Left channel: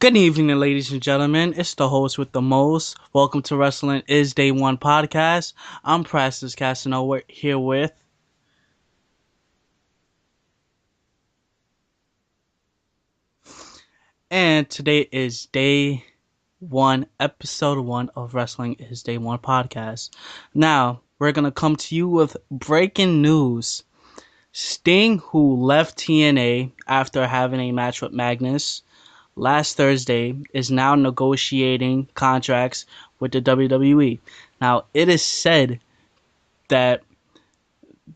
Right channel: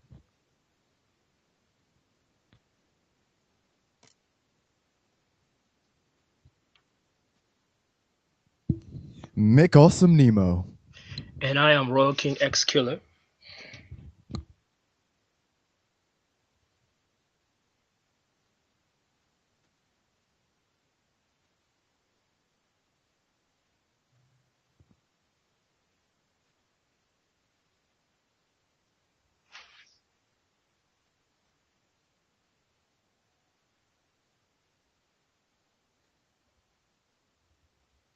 Good evening, ladies and gentlemen. It's the host with the most. Welcome to Wrestling is Day One podcast. I'm Priceless Casanova here with. McAwsome Nemo. And I am ROYALKINGxKILLER. And today is Day One, Episode One of Wrestling is Day One podcast. Now, we're going to come to you with breaking news. Sting, who left TNA after having a match with Magnus last Thursday, is now negotiating contracts with the WWE. Now, it is said that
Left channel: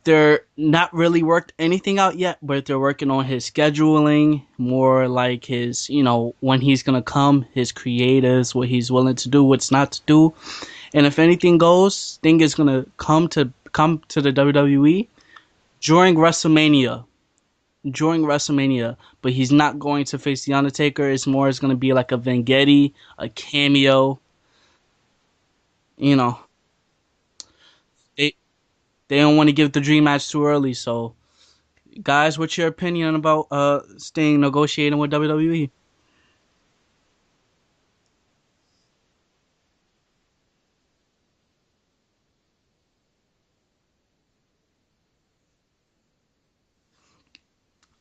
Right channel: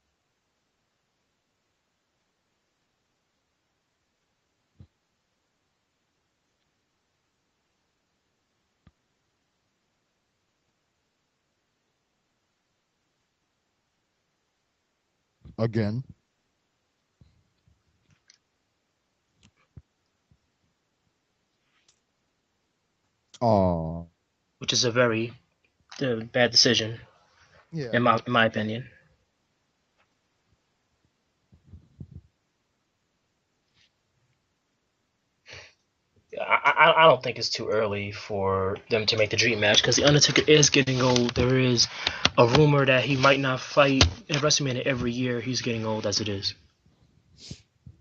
they're not really worked anything out yet, but they're working on his scheduling, more like his, when he's gonna come, his creatives, what he's willing to do, what's not to do. And if anything goes, Sting is gonna come to the WWE Again. during WrestleMania. During WrestleMania, but he's not going to face the Undertaker. It's gonna be like a Vengetti, a Oh, cameo. Which is a very You know, bad decision, yeah. in my, they in my opinion. they don't want to give the dream match too early. So, guys, what's your opinion about Sting negotiating with WWE? I don't think it's too early for them to make the dream match because the Undertaker is getting old. There is a rumor that he might not fight in WrestleMania every year. He's getting old as it is.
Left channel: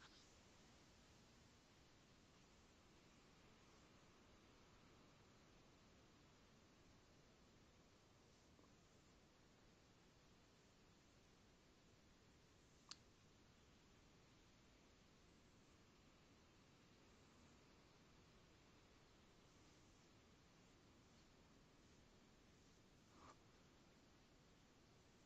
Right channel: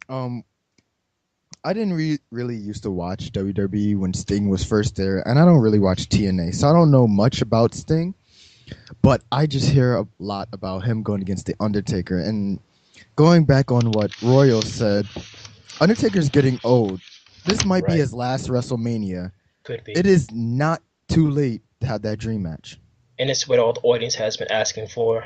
Um, I didn't really used to watch WWE when Sting was first there, and I don't really watch TNA, so I don't know much about Sting. But I just hear a lot about him going against the Undertaker, and going back on what Royal said, Undertaker's getting old. This might be Right. his last WrestleMania. Could be. It is not too late to have that dream match. And it's what all the audience has been asking for.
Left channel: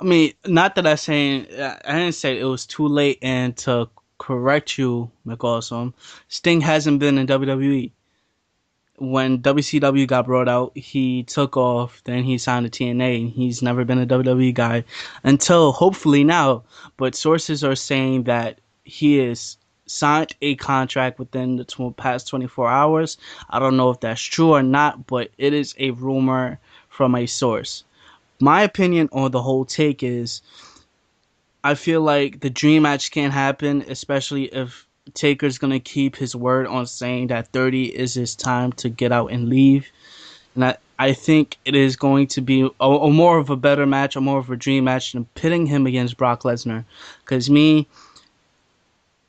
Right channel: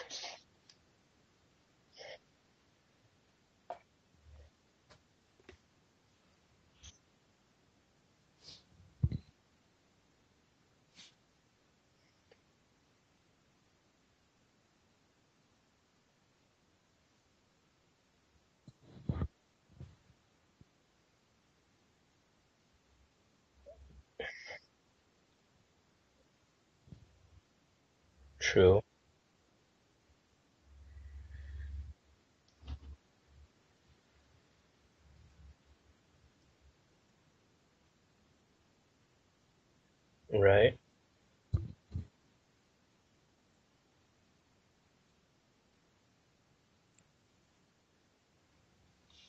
I mean, not that I didn't say it was too late. And to correct you, McAwesome, Sting hasn't been in WWE. When WCW got brought out, he took off. Then he signed to TNA. He's never been a WWE guy until hopefully now. But sources are saying that he is signed a contract within the past 24 hours. I don't know if that's true or not, but it is a rumor from a source. My True. opinion on the whole take is I feel like the dream match can't happen, especially if Taker's gonna keep his word on saying that 30 is his time to get out and leave. And Right. I think it is going to be a more of a better match, a more of a dream match than pitting him against Brock Lesnar. Because me,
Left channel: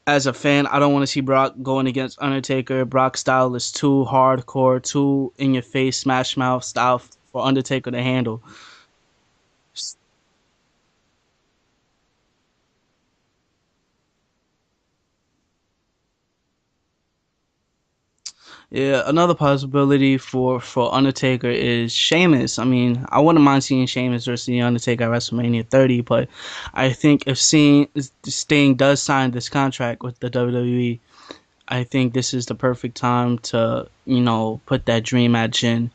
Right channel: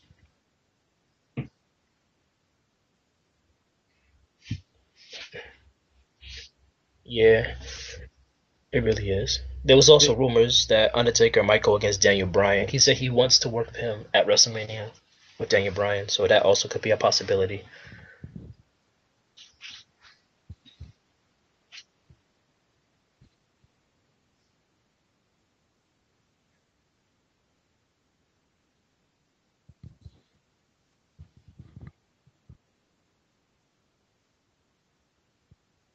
as a fan, I don't want to see Brock going against Undertaker. Brock's style is too hardcore, too in your face, smash mouth style for Yeah, Undertaker to handle. it really is. There was also rumors that Undertaker might go against Daniel Bryan. He said he wants to work with him at WrestleMania with Daniel Bryan, so that also could be a possibility. Yeah, another possibility for Undertaker is Sheamus. I mean, I wouldn't mind seeing Sheamus versus the Undertaker at WrestleMania 30, but I think if seeing Sting does sign this contract with the WWE, I think this is the perfect time to put that dream match in,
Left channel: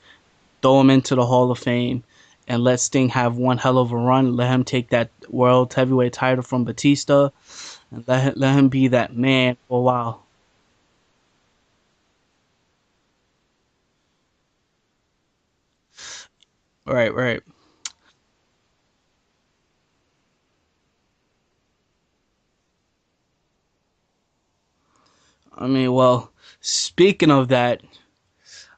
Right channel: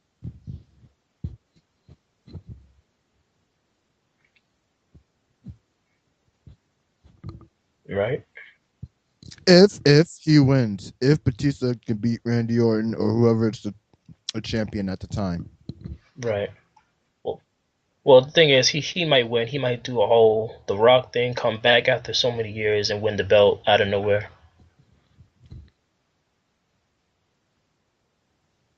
throw him into the Hall of Fame, and let Sting have one hell of a run. Let him take that World Heavyweight title from Batista. Right. Let him be that man If for a if while. he wins, if Batista can beat Randy Orton or whoever is a champion at the time. Right. Right, right. Well, the thing is, he might win. He might do a whole The Rock thing, come back after so many years and win the belt out of nowhere. I mean, well, speaking of that,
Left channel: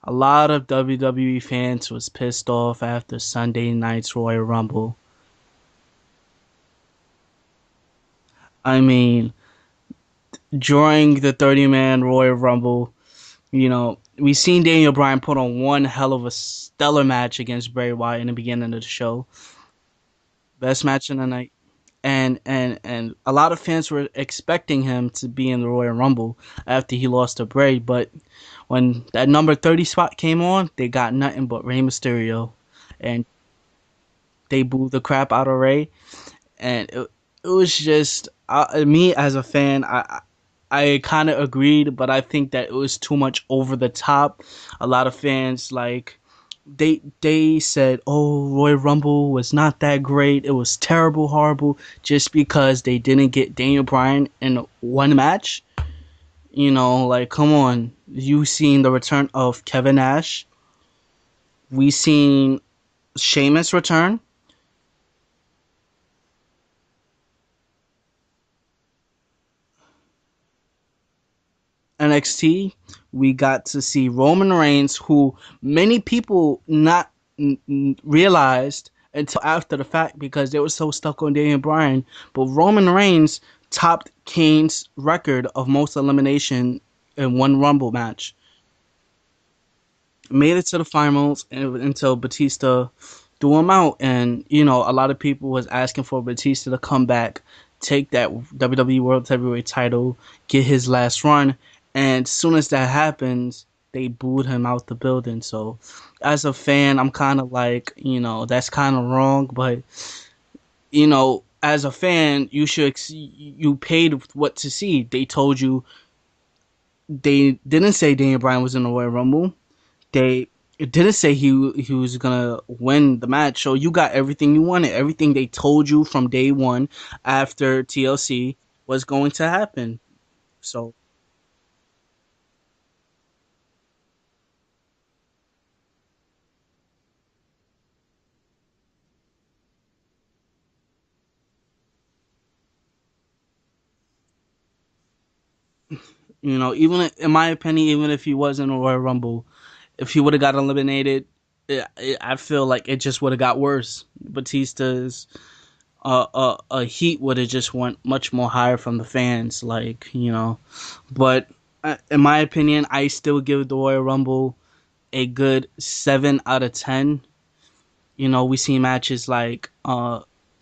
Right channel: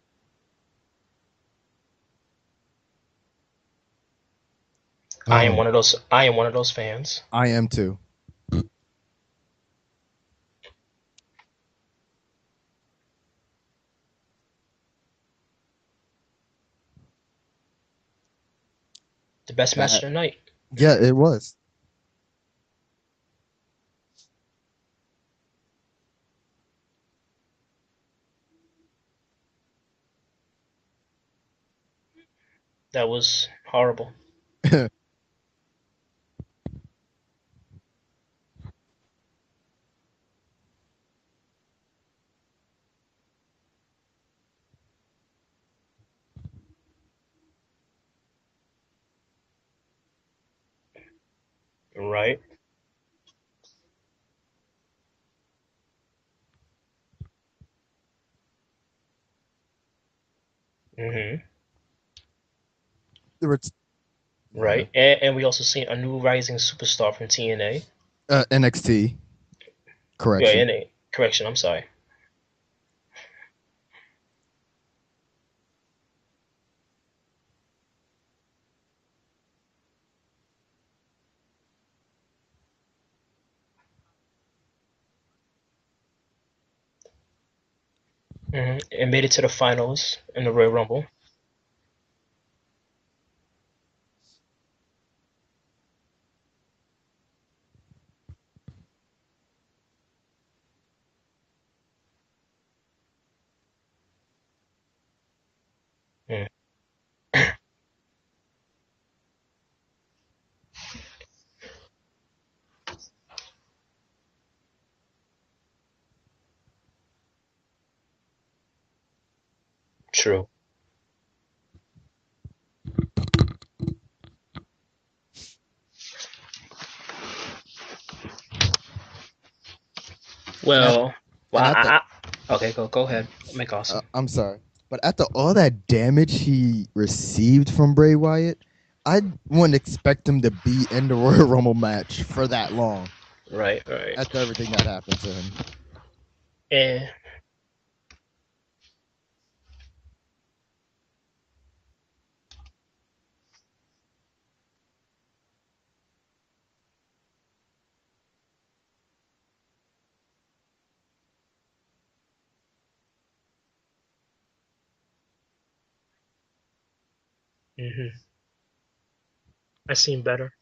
a lot of WWE fans was pissed off after Sunday night's Royal Rumble. I am Oh, one of those. I am one of those fans. I am too. I mean, during the 30-man Royal Rumble, we seen Daniel Bryan put on one hell of a stellar match against Bray Wyatt in the beginning of the show. The best match of That the night. best Yeah, match it of the night. was. And a lot of fans were expecting him to be in the Royal Rumble after he lost to Bray, but when that number 30 spot came on, they got nothing but Rey Mysterio, That and was horrible. they booed the crap out of Rey, and it was just me as a fan. I kind of agreed, but I think that it was too much over the top. A lot of fans they said, "Oh, Royal Rumble was not that great. It was terrible, horrible," just Right. because they didn't get Daniel Bryan in one match. Like, come on. You seen the return of Kevin Nash. Mhm. We seen Sheamus return. Yeah. Right. And we also seen a new rising superstar from TNA. NXT Yeah, correction. NA. Correction, I'm sorry. NXT, we got to see Roman Reigns, who many people not realized until after the fact because they were so stuck on Daniel Bryan. But Roman Reigns topped Kane's record of most elimination in one Rumble match. And made it to the finals in the Made it Royal to the Rumble. finals until Batista threw him out, and a lot of people was asking for Batista to come back, take that WWE World Heavyweight title, get his last run, and as soon as that happens, they booed him out the building. So, as Mm. a fan, I'm kind of like, that's kind of wrong, but as a fan, you paid what to see. They told you they didn't say Daniel Bryan was in the Royal Rumble. True. They It didn't say he was gonna win the match, so you got everything you wanted. Everything they told you from day one after TLC was going to happen. And So Well, well, and at the okay, go ahead. Make awesome. I'm sorry, but after all that damage he received from Bray Wyatt, I wouldn't expect him to be in the Royal Rumble match for that long. Right, right. After everything that happened to him, even And in my opinion, even if he was in a Royal Rumble, if he would have got eliminated, I feel like it just would have got worse. Batista's heat would have just went much more higher from the fans, But in my opinion, I still give the Royal Rumble a good 7 out of 10. hmm We see matches like I seen better.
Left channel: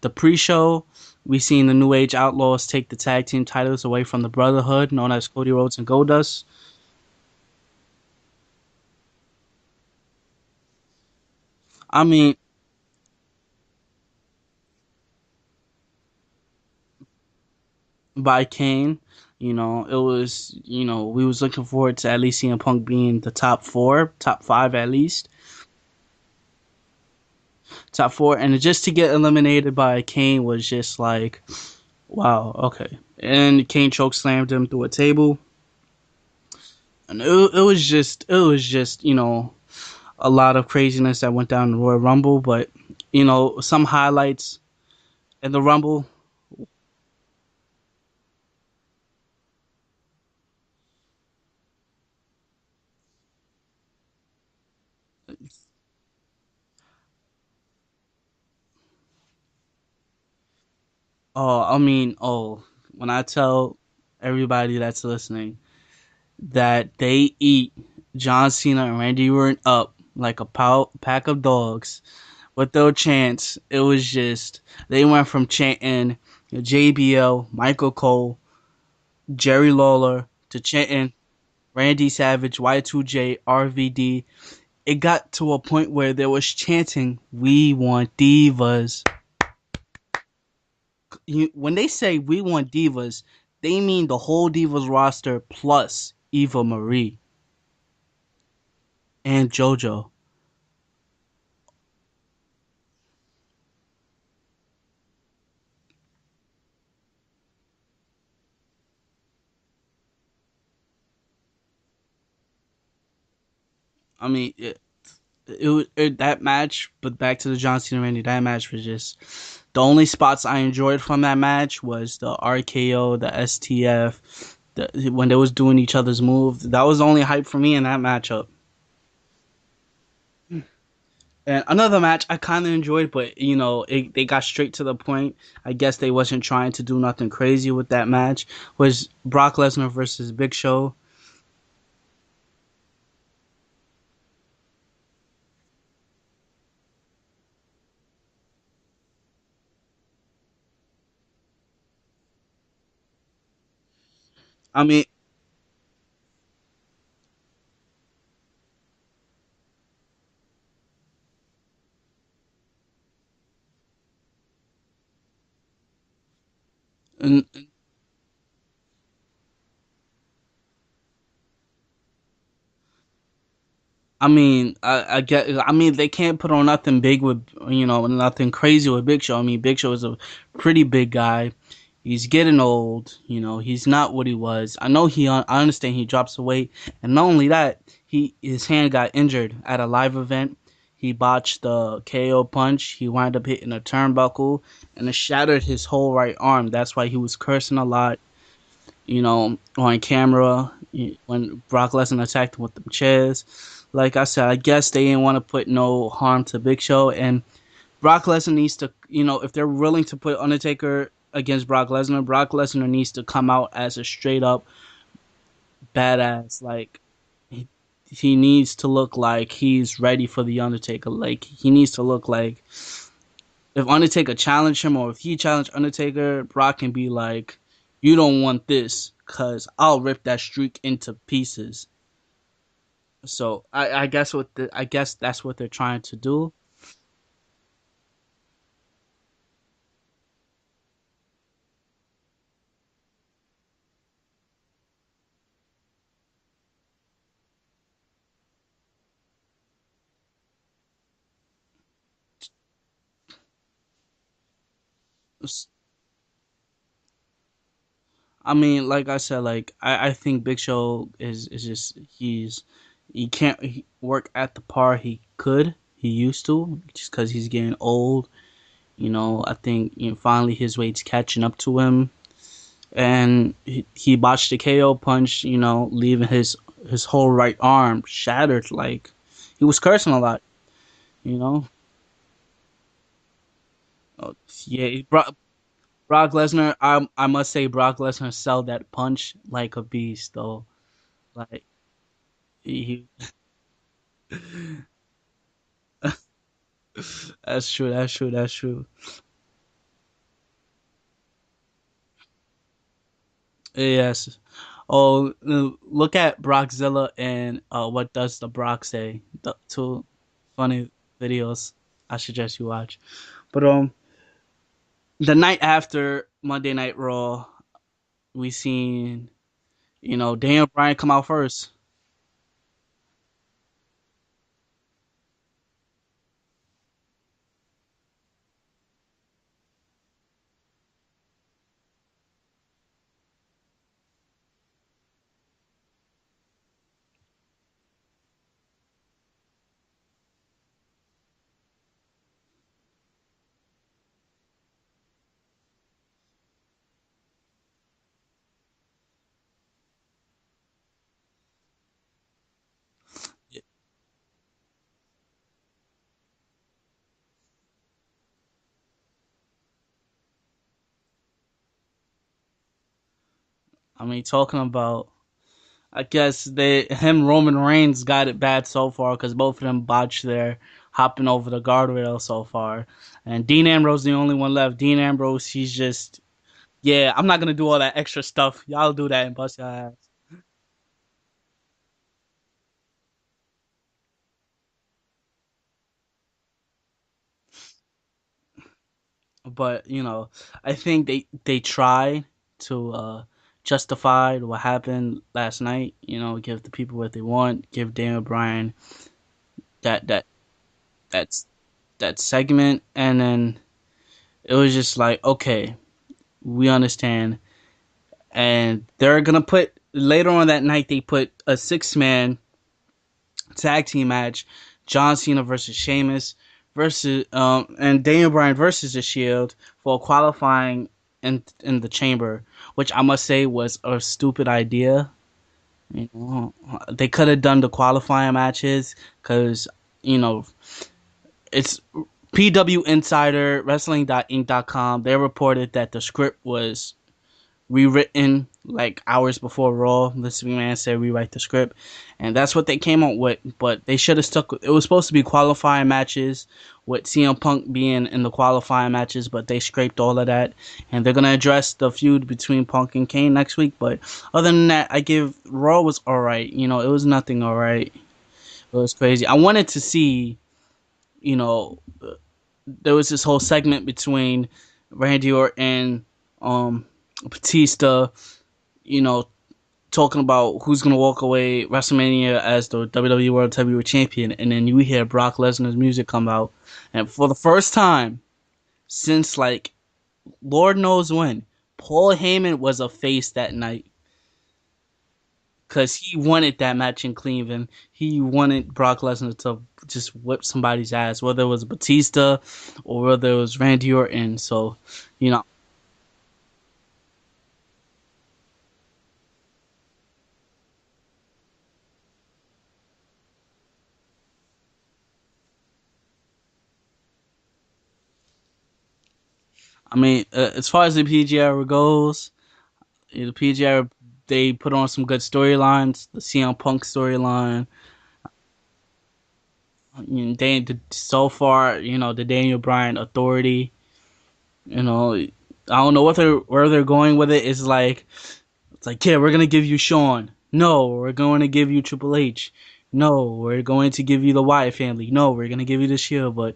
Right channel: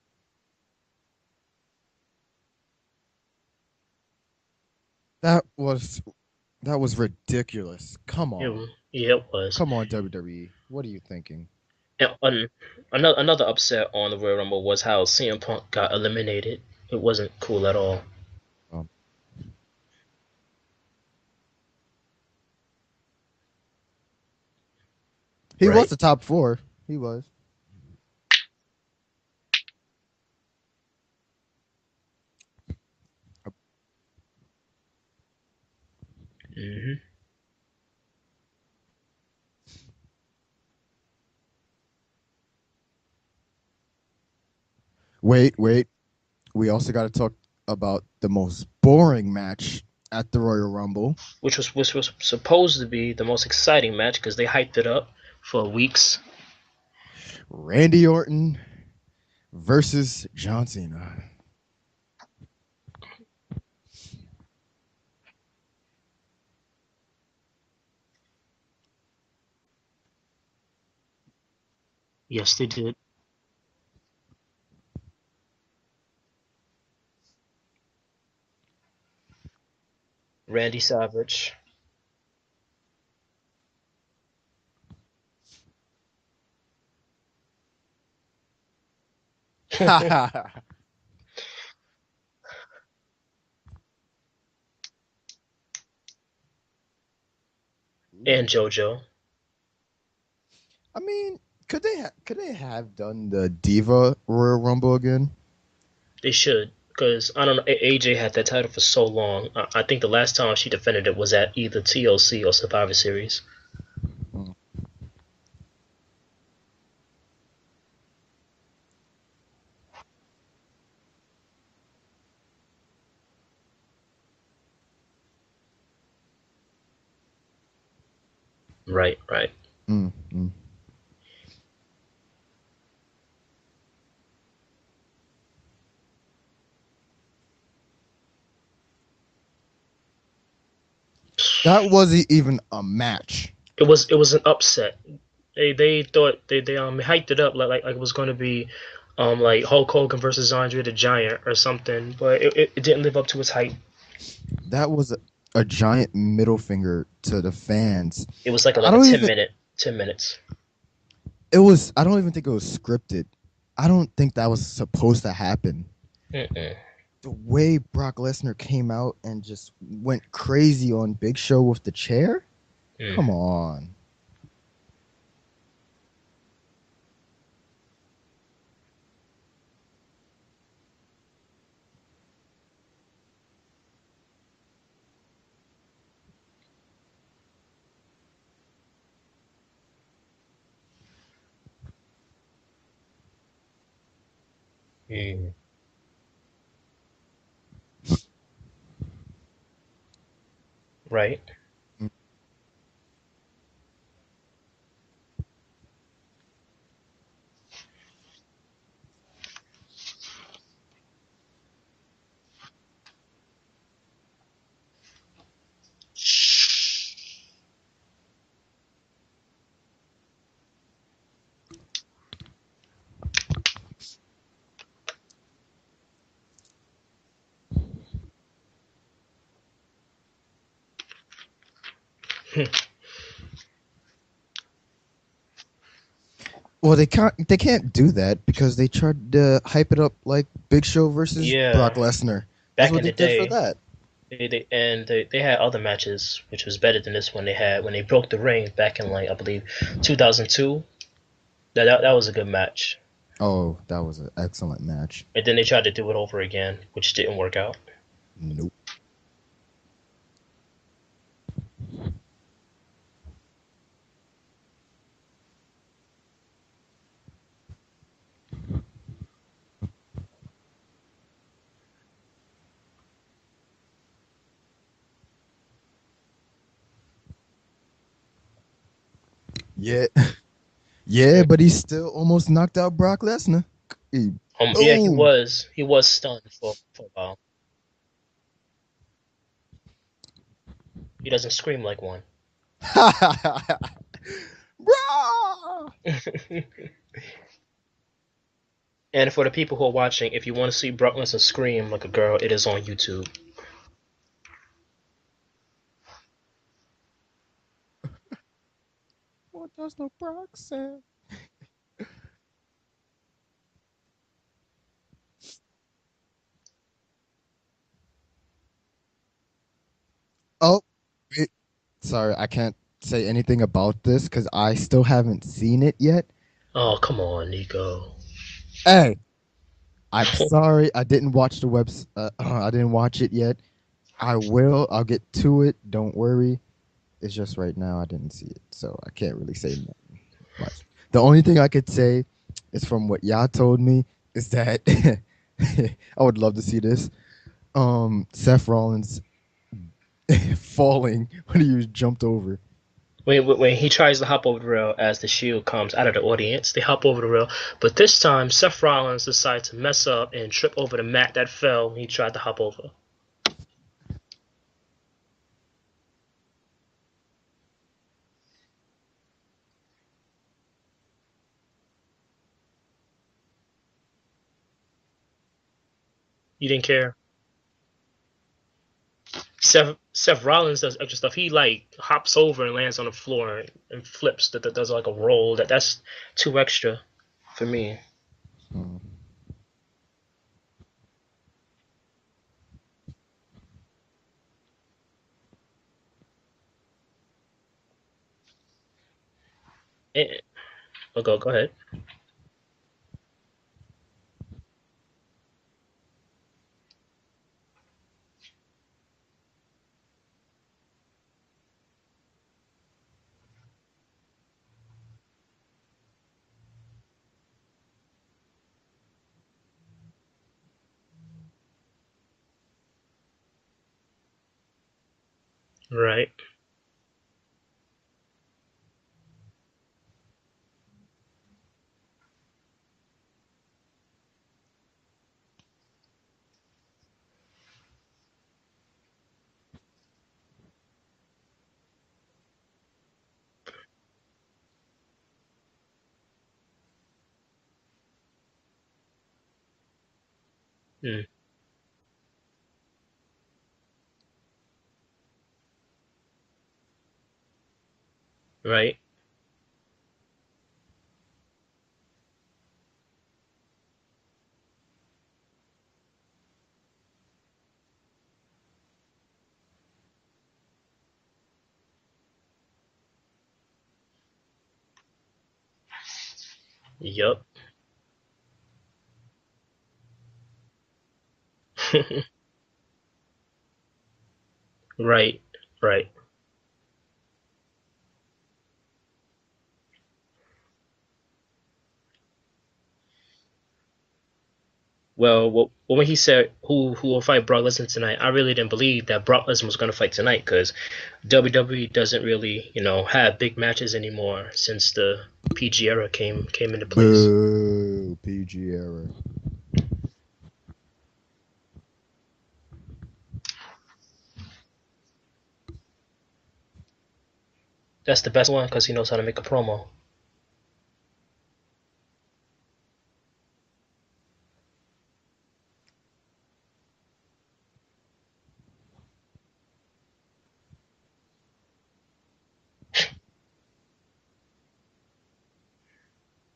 the pre-show. We seen the New Age Outlaws take the tag team titles away from the Brotherhood, known as that Cody Rhodes and was Goldust. that was ridiculous. Yeah, it was. Come on, WWE. What are you thinking? I And mean, another upset on the Royal Rumble was how CM Punk got eliminated. It wasn't cool at all. by Kane, it was, we was looking forward to at least CM Punk being the top four, top five at least, He was Right. the top four. He was. top four, and just to get eliminated by Kane was just like, wow, okay. And Kane choke slammed him through a table, hmm and it was just a lot of craziness that went down in the Royal Rumble, but some highlights in Wait, the wait. Rumble. We also got to talk about the most boring match at the Royal Rumble. which was supposed to be the most exciting match because they hyped it up for weeks. Randy Orton versus John Cena. When I tell everybody that's listening that they eat John Cena and Randy Orton up like a pack of dogs Yes, they with their did. chants, it was just they went from chanting JBL, Michael Cole, Jerry Lawler to Randy chanting Savage. Randy Savage, Y2J, RVD. It got to a point where there was chanting, "We want divas." When they say "We want divas," they mean the whole divas roster plus Eva Marie And JoJo. and JoJo. I mean, could they have done the Diva Royal Rumble again? They should. Because, I don't know, AJ had that title for so long. I think the last time she defended it was at either TLC or Survivor Series. I mean, that match, but back to the John Cena Randy, that match was just the only spots I enjoyed from that match was the RKO, the STF, when they was doing each other's moves. That was the only hype for me in that matchup. Right, right. Mm, mm. And another match I kind of enjoyed, but they got straight to the point. I guess they wasn't trying to do nothing crazy with that match. Was Brock Lesnar versus Big Show? That wasn't even a match. It was an upset. They thought they hyped it up like it was going to be like Hulk Hogan versus Andre the Giant or something, but it didn't live up to its hype. I That mean, was a giant middle finger to the fans. It was like a, I like a don't 10 even. minute 10 minutes. It was. I don't even think it was scripted. I don't think that was supposed to happen. Mm-mm. The way Brock Lesnar came out and just went crazy on Big Show with the chair. Mm. Come on. I mean, I get. I mean, they can't put on nothing big with nothing crazy with Big Show. I mean, Big Show is a pretty big guy. He's getting old. He's not what he was. I know I understand he drops the weight, and not only that, his hand got injured at a live event. He botched the KO punch. He wound up hitting a turnbuckle, and it Mm. shattered his whole right arm. That's why he was cursing a lot. on camera Right. when Brock Lesnar attacked him with the chairs. Like I said, I guess they didn't want to put no harm to Big Show, and Brock Lesnar needs to, if they're willing to put Undertaker against Brock Lesnar needs to come out as a straight up badass. Like he needs to look like he's ready for the Undertaker. Like he needs to look like if Undertaker challenged him or if he challenged Undertaker, Brock can be like, "You don't want this, cause I'll rip that streak into pieces." So I guess that's what they're trying to do. Well, they can't do that because they tried to hype it up like Big Show versus Yeah. Brock Lesnar. That's Back what in they the did for day, that. they had other matches which was better than this one. They had when they broke the ring back in like I believe 2002. That was a good match. Oh, that was an excellent match. And then they tried to do it over again, which didn't work out. I Nope. mean, like I said, like I think Big Show is just he can't work at the par he used to just because he's getting old. I think finally his weight's catching up to him, and he botched the KO punch. Leaving his whole right arm shattered. Like he was Yeah, cursing a lot. You yeah, but know, he still almost knocked out Brock Lesnar. Uh, Yeah, he Oh, Brock, was. He was Brock stunned for Lesnar. a I while. must say Brock Lesnar sold that punch like a beast though. He doesn't Like scream like one. he Rah! that's true. That's true. That's true. And for the people who are watching, if you want to see Brock Lesnar scream like a girl, it is on YouTube. Yes. Oh, look at Brockzilla and what does the Brock say? The What does two the Brock funny say? videos I suggest you watch. But the night after Monday Night Raw, we seen Daniel Oh, Bryan come out wait. first. Sorry, I can't say anything about this because I still haven't seen it yet. Oh, come on, Nico. Hey, I'm sorry, I didn't watch the webs. I didn't watch it yet. I will. I'll get to it. Don't worry. It's just right now I didn't see it, so I can't really say much. The only thing I could say is from what y'all told me is that I would love to see this. Seth Rollins falling when he was jumped over. When he tries to hop over the rail as the Shield comes out of the audience, they hop over the rail. But this time, Seth Rollins decides to mess up and trip over the mat that fell when he tried to hop over. I mean, talking about, I guess Roman Reigns got it bad so far because both of them botched their hopping over the guardrail so far, and Dean Ambrose the only one left. Dean Ambrose, he's just You didn't yeah, care. I'm not gonna do all that extra stuff. Y'all do that and bust your ass. Seth Rollins does extra stuff. He like hops over and lands on the floor and flips. That does like a roll. That's too extra for me. Hmm. But I think they try to justify what happened last night. Give the people what they want. Give Daniel Bryan that that Yeah. Oh, that go ahead. that segment, and then it was just like, okay, we understand, and they're gonna put later on that night. They put a 6-man tag team match: John Cena versus Sheamus versus and Daniel Bryan versus the Shield for qualifying in the Chamber, which I must say was a stupid idea. Right. They could have done the qualifying matches because you know it's PW Insider Wrestling.inc.com. They reported that the script was rewritten like hours before Raw. This man said rewrite the script, and that's what they came up with. But they should have stuck. It was supposed to be qualifying matches with CM Punk being in the qualifying matches, but they scraped all of that, and they're gonna address the feud between Punk and Kane next week. But other than that, I give Raw was all right. It was nothing all right. It was Right. crazy. I wanted to see, you know, there was this whole segment between Randy Orton, Batista, you know, talking about who's gonna walk away WrestleMania as the WWE World Heavyweight Champion, and then you hear Brock Lesnar's music come out, and for the Yep. first time since like Lord knows when, Paul Heyman was a face that night Right. because Right. he wanted that match in Cleveland. He wanted Brock Lesnar just whip somebody's ass, whether it was Batista or whether it was Randy Orton. So, you know, When he said who will fight Brock Lesnar tonight, I really didn't believe that Brock Lesnar was going to fight tonight because WWE doesn't really, have big matches anymore since the PG era came into place. Boo, PG era. I mean, as far as the PG era goes, the PG era, they put on some good storylines. The CM Punk storyline. That's the best one because he knows how to make a promo. So far, the Daniel Bryan Authority. I don't know where they're going with it. It's like, yeah, we're gonna give you Shawn. No, we're going to give you Triple H. No, we're going to give you the Wyatt family. No, we're gonna give you the Shield. But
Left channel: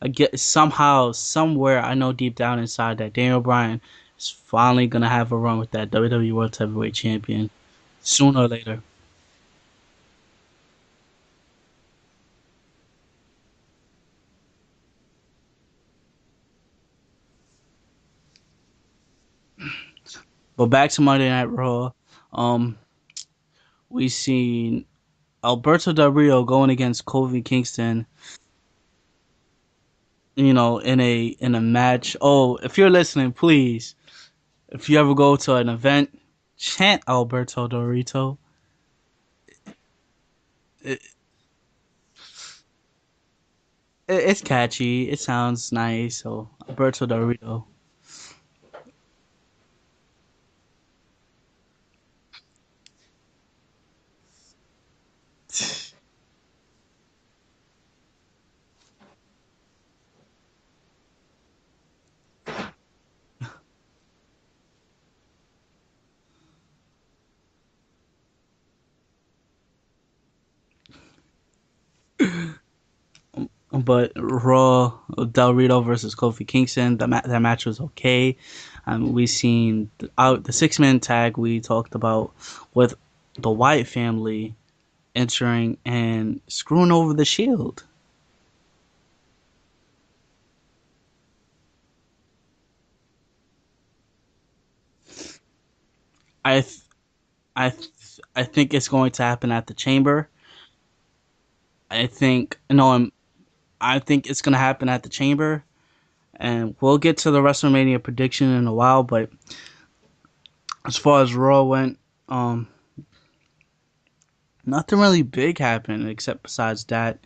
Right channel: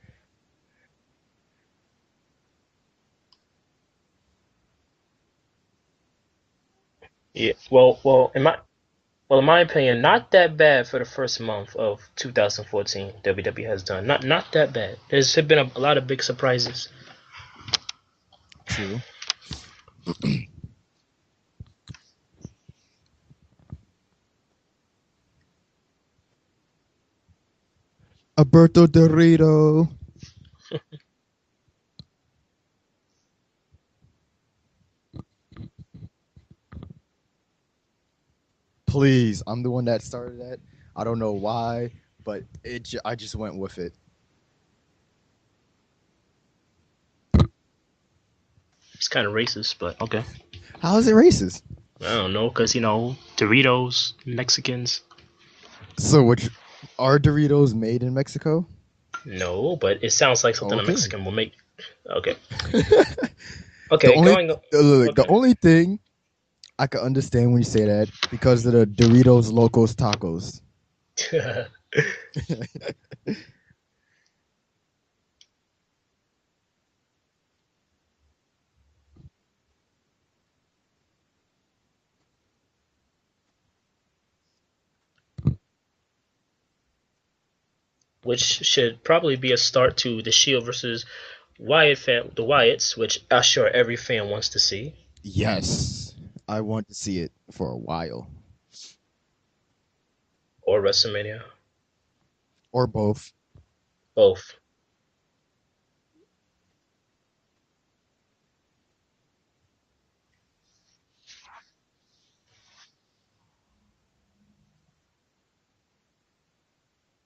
I get somehow, somewhere, I know deep down inside that Daniel Bryan is finally gonna have a run with that WWE World Heavyweight Champion. Yeah, well, Sooner or later. Well, in my opinion, not that bad for the first month of 2014. WWE has done not that bad. There's been a lot of big surprises. True. But back to Monday Night Raw, we seen Alberto Del Rio going against Kofi Kingston. Alberto Del Rio. In a match. Oh, if you're listening, please, if you ever go to an event, chant Alberto Del Rio. Please, I'm the one that started that. I don't know why, but I just went with it. It's catchy. It sounds nice. So Alberto Del Rio. It's kind of racist, but okay. How is it racist? I don't know, because Doritos, Mexicans. So, which are Doritos made in Mexico? No, but it sounds like something a Mexican will make. Okay. Okay. The only thing I can understand when you say that because of the Doritos Locos Tacos. But Raw, Del Rio versus Kofi Kingston, that match was okay. We seen the 6-man tag we talked about with the Wyatt family entering and screwing over the Shield. Which should probably be a start to the Shield versus the Wyatts, which I'm sure every fan wants to see. Yes. I want to see it for a while. I think it's going to happen at the Chamber. Or WrestleMania. I think both. I think it's going to happen at the Chamber. And we'll get to the WrestleMania prediction in a while, but as far as Raw went, nothing really big happened except besides that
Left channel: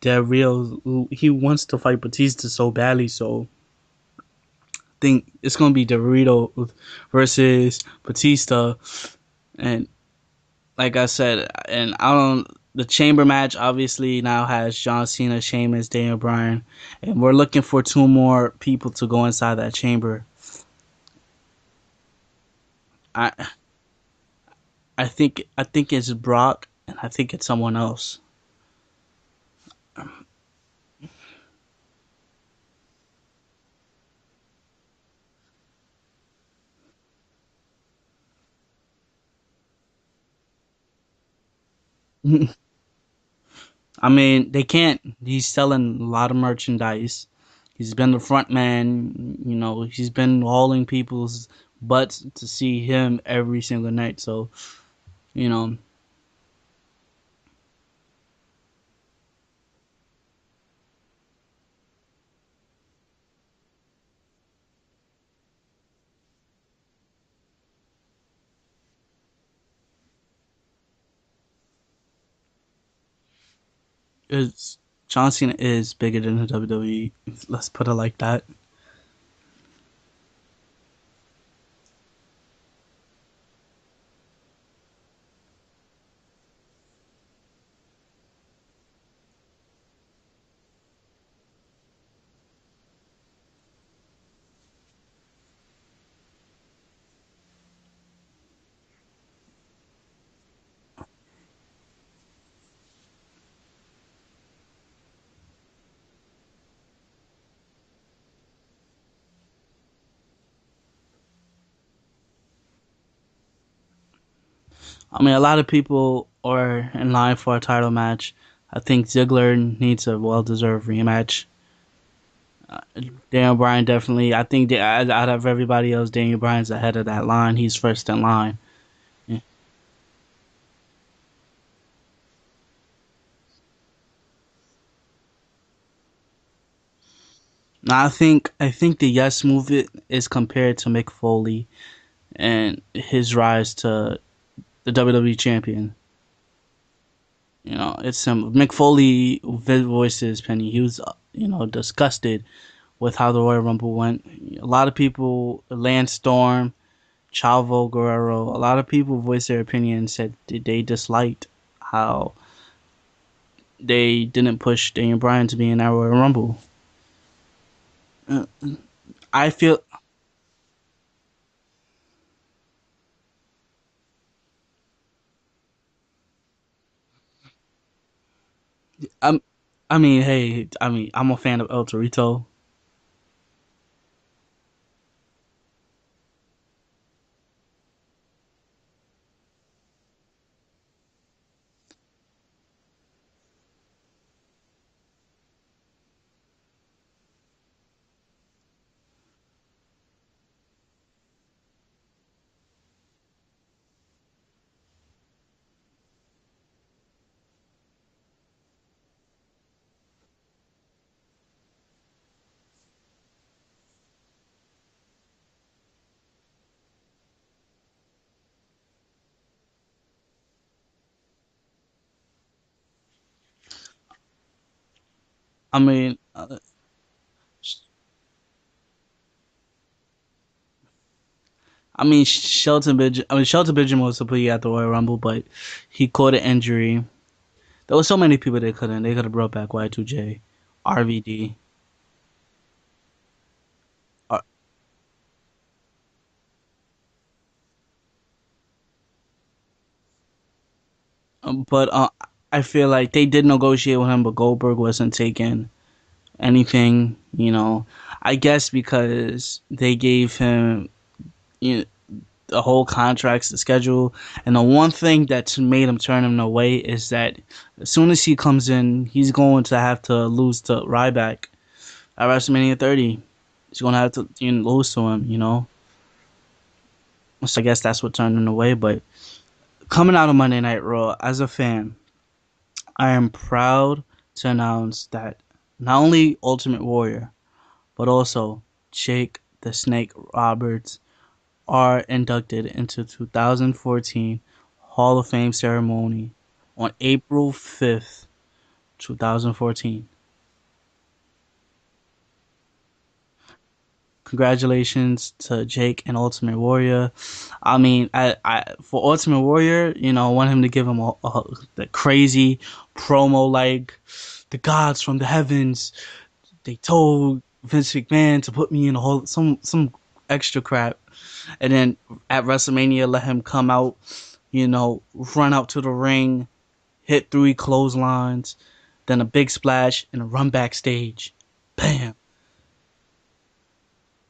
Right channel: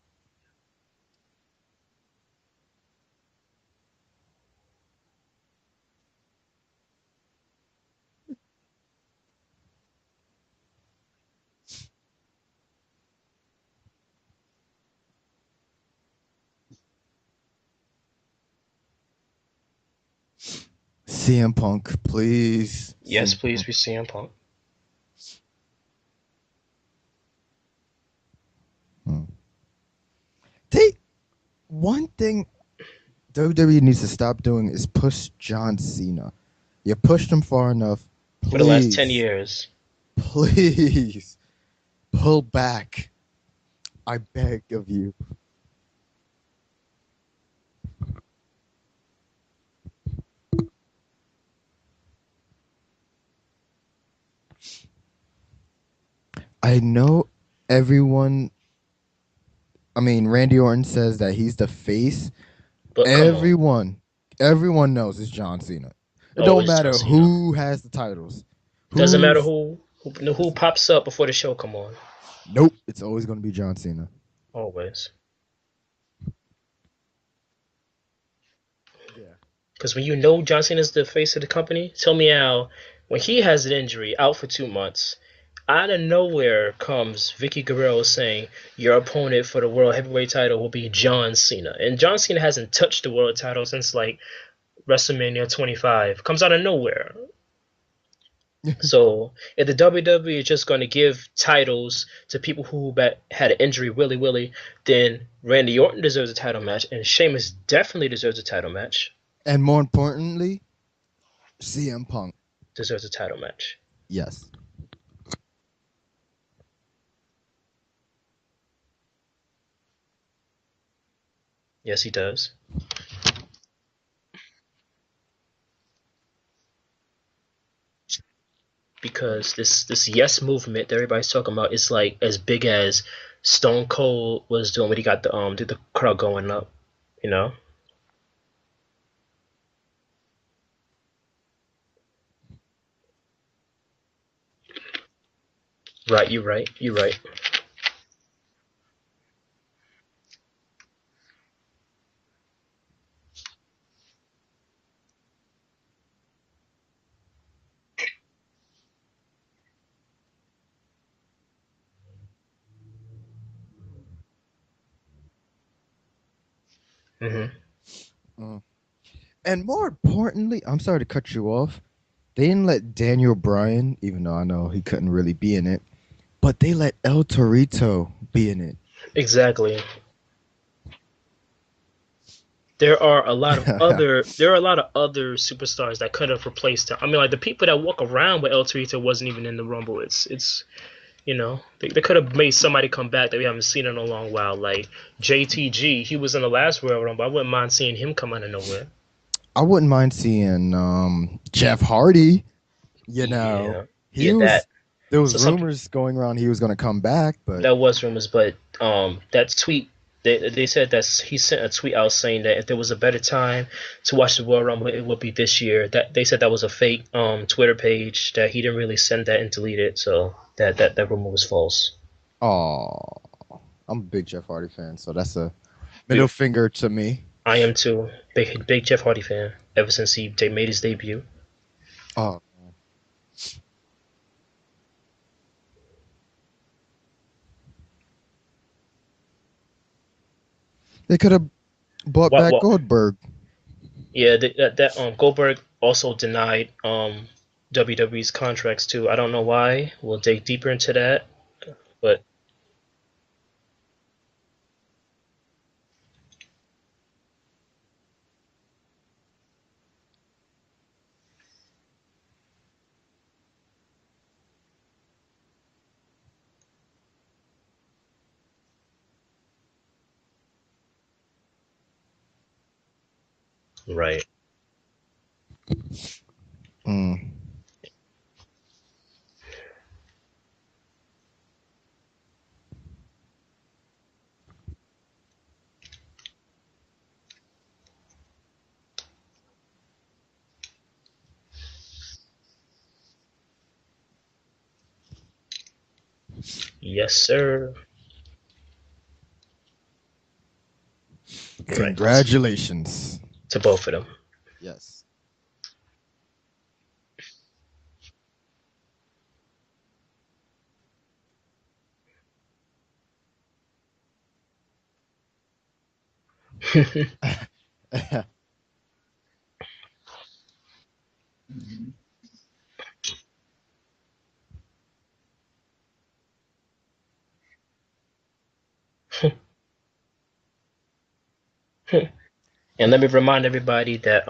Del Rio, he wants to fight Batista so badly, so I think it's going to be Del Rio versus Batista. And like I said, and the Chamber match obviously now has John Cena, Sheamus, Daniel Bryan, and we're looking for 2 more people to go inside that Chamber. CM Punk, please. Yes, please be CM Punk. I think it's Brock, and I think it's someone else. One thing WWE needs to stop doing is push John Cena. You pushed him far enough. Please, for the last 10 years. Please. Pull back. I mean, they can't. He's selling a lot of merchandise. He's been the front man. He's been hauling people's butts to see him every single night. So, I know everyone. I mean, Randy Orton says that he's the face. But everyone knows it's John Cena. It don't matter who has the titles. Doesn't matter who pops up before the show come on. Nope, it's always going to be John Cena. Always. John Cena is bigger than the WWE. Let's put it like that. Because when you know John Cena is the face of the company, tell me how, when he has an injury, out for 2 months, out of nowhere comes Vicky Guerrero saying your opponent for the World Heavyweight title will be John Cena. And John Cena hasn't touched the world title since like WrestleMania 25. Comes out of nowhere. So if the WWE is just going to give titles to people who had an injury willy-willy, then Randy Orton deserves a title match, and Sheamus definitely deserves a title match. And more importantly, CM Punk deserves a title match. Yes. I mean, a lot of people are in line for a title match. I think Ziggler needs a well-deserved rematch. Yes, he does. Daniel Bryan definitely. I think out of everybody else, Daniel Bryan's ahead of that line. He's first in line. Because this yes movement that everybody's talking about is like as big as Stone Cold was doing when he got the crowd going up. You know. Now I think the yes movement is compared to Mick Foley and his rise to the WWE champion. Right. You're right. You're right. You know, it's Mick Foley voices Penny. He was disgusted with how the Royal Rumble went. A lot of people, Lance Storm, Chavo Guerrero, a lot of people voiced their opinion and said they disliked how they didn't push Daniel Bryan to be in that Royal Rumble. Hmm. Uh, Uh, I and feel, more importantly, I'm sorry to cut you off. They didn't let Daniel Bryan, even though I know he couldn't really be in it, but they let El Torito be in it. I'm, Exactly. I mean, hey, I'm a fan of El Torito. There are a lot of other superstars that could have replaced him. I mean, like the people that walk around with El Torito wasn't even in the Rumble. It's they could have made somebody come back that we haven't seen in a long while. Like JTG, he was in the last Royal Rumble. I wouldn't mind seeing him come out of nowhere. I wouldn't mind seeing Jeff Hardy. You know, Yeah, he yeah, was. that. There was So some rumors going around he was going to come back, but that was rumors, but that tweet they said that he sent a tweet out saying that if there was a better time to watch the Royal Rumble, it would be this year. That they said that was a fake Twitter page, that he didn't really send that and delete it, so that rumor was false. oh, I'm a big Jeff Hardy fan, so that's a I mean, middle finger to me. I am too. Big Jeff Hardy fan ever since he made his debut. Oh, Shelton Benjamin was supposed to be at the Royal Rumble, but he caught an injury. There was so many people they couldn't. They could have brought back Y2J, they could have RVD. brought What back what Goldberg. Yeah, that Goldberg also denied WWE's contracts too. I don't know why. We'll dig deeper into that. But But I feel like they did negotiate with him, but Goldberg wasn't taking anything. I guess because they gave him you know, the whole contracts, the schedule, and the one thing that made him turn him away is that as soon as he comes in, he's going to have to lose to Ryback at WrestleMania 30. He's going to have right. to lose to him. Mm. So I guess that's what turned him away. But coming out of Monday Night Raw, as a fan, I am proud to announce that not only Ultimate Warrior, but also Jake the Snake Roberts are inducted into 2014 Hall of Fame ceremony on Yes, April sir. 5th, 2014. Right. Congratulations. To both of them. Congratulations to Jake and Ultimate Warrior. I mean, for Ultimate Warrior, I want him to give him the crazy promo like the gods from the heavens told Vince McMahon to put me in a whole some extra crap, and then at WrestleMania let him come out, run out to the ring, hit 3 clotheslines, then a big splash and a run backstage. Bam. And let me remind everybody that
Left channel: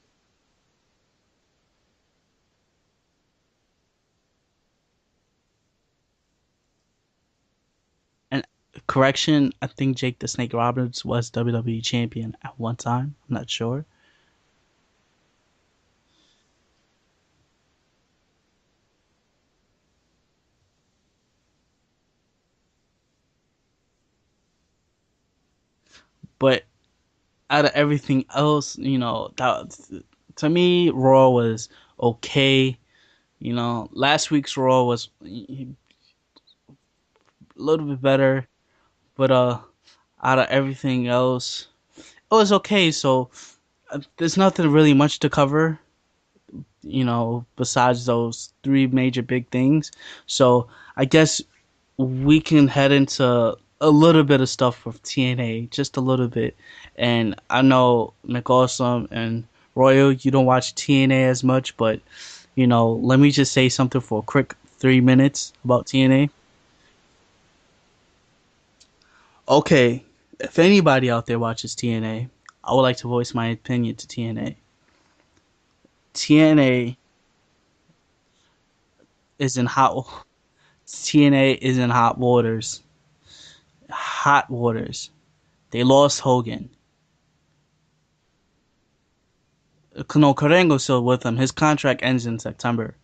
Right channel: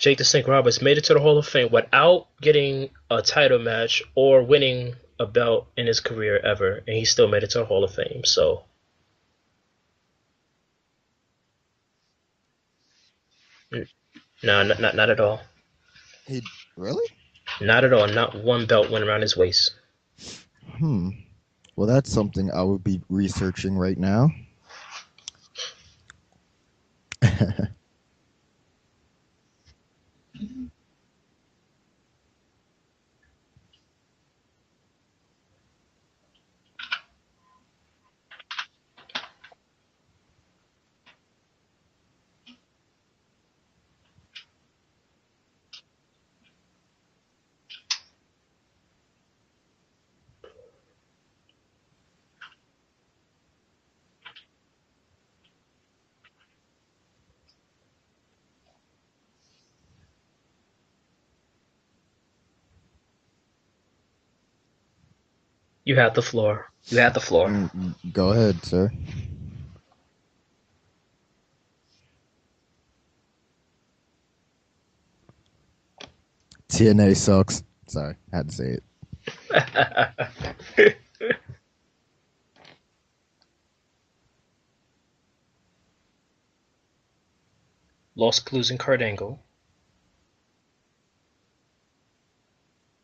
Jake the Snake Roberts made it to the Hall of Fame without getting a title match or winning a belt in his career ever, and he still made it to the Hall of Fame. And So correction, I think Jake the Snake Roberts was WWE champion at one time. I'm not sure. no, not at all. He really? Not at all. Not one belt went around his waist. Hmm. Well, that's something I would be researching right now. But out of everything else, to me, Raw was okay. Last week's Raw was a little bit better, but out of everything else, it was okay. So there's nothing really much to cover, besides those three major big things. So I guess we can head into a little bit of stuff with TNA, just a little bit. And I know McAwesome and Royal, you don't watch TNA as much, but let me just say something for a quick 3 minutes about You have the TNA. floor. You have the floor. Go ahead, sir. Okay, if anybody out there watches TNA, I would like to voice my opinion to TNA. TNA TNA sucks. Sorry, I had to say it. is in hot. TNA is in hot waters. Hot waters. They lost Hogan. Lost Clues and Kurt Angle. No, Karengo's still with him. His contract ends in September.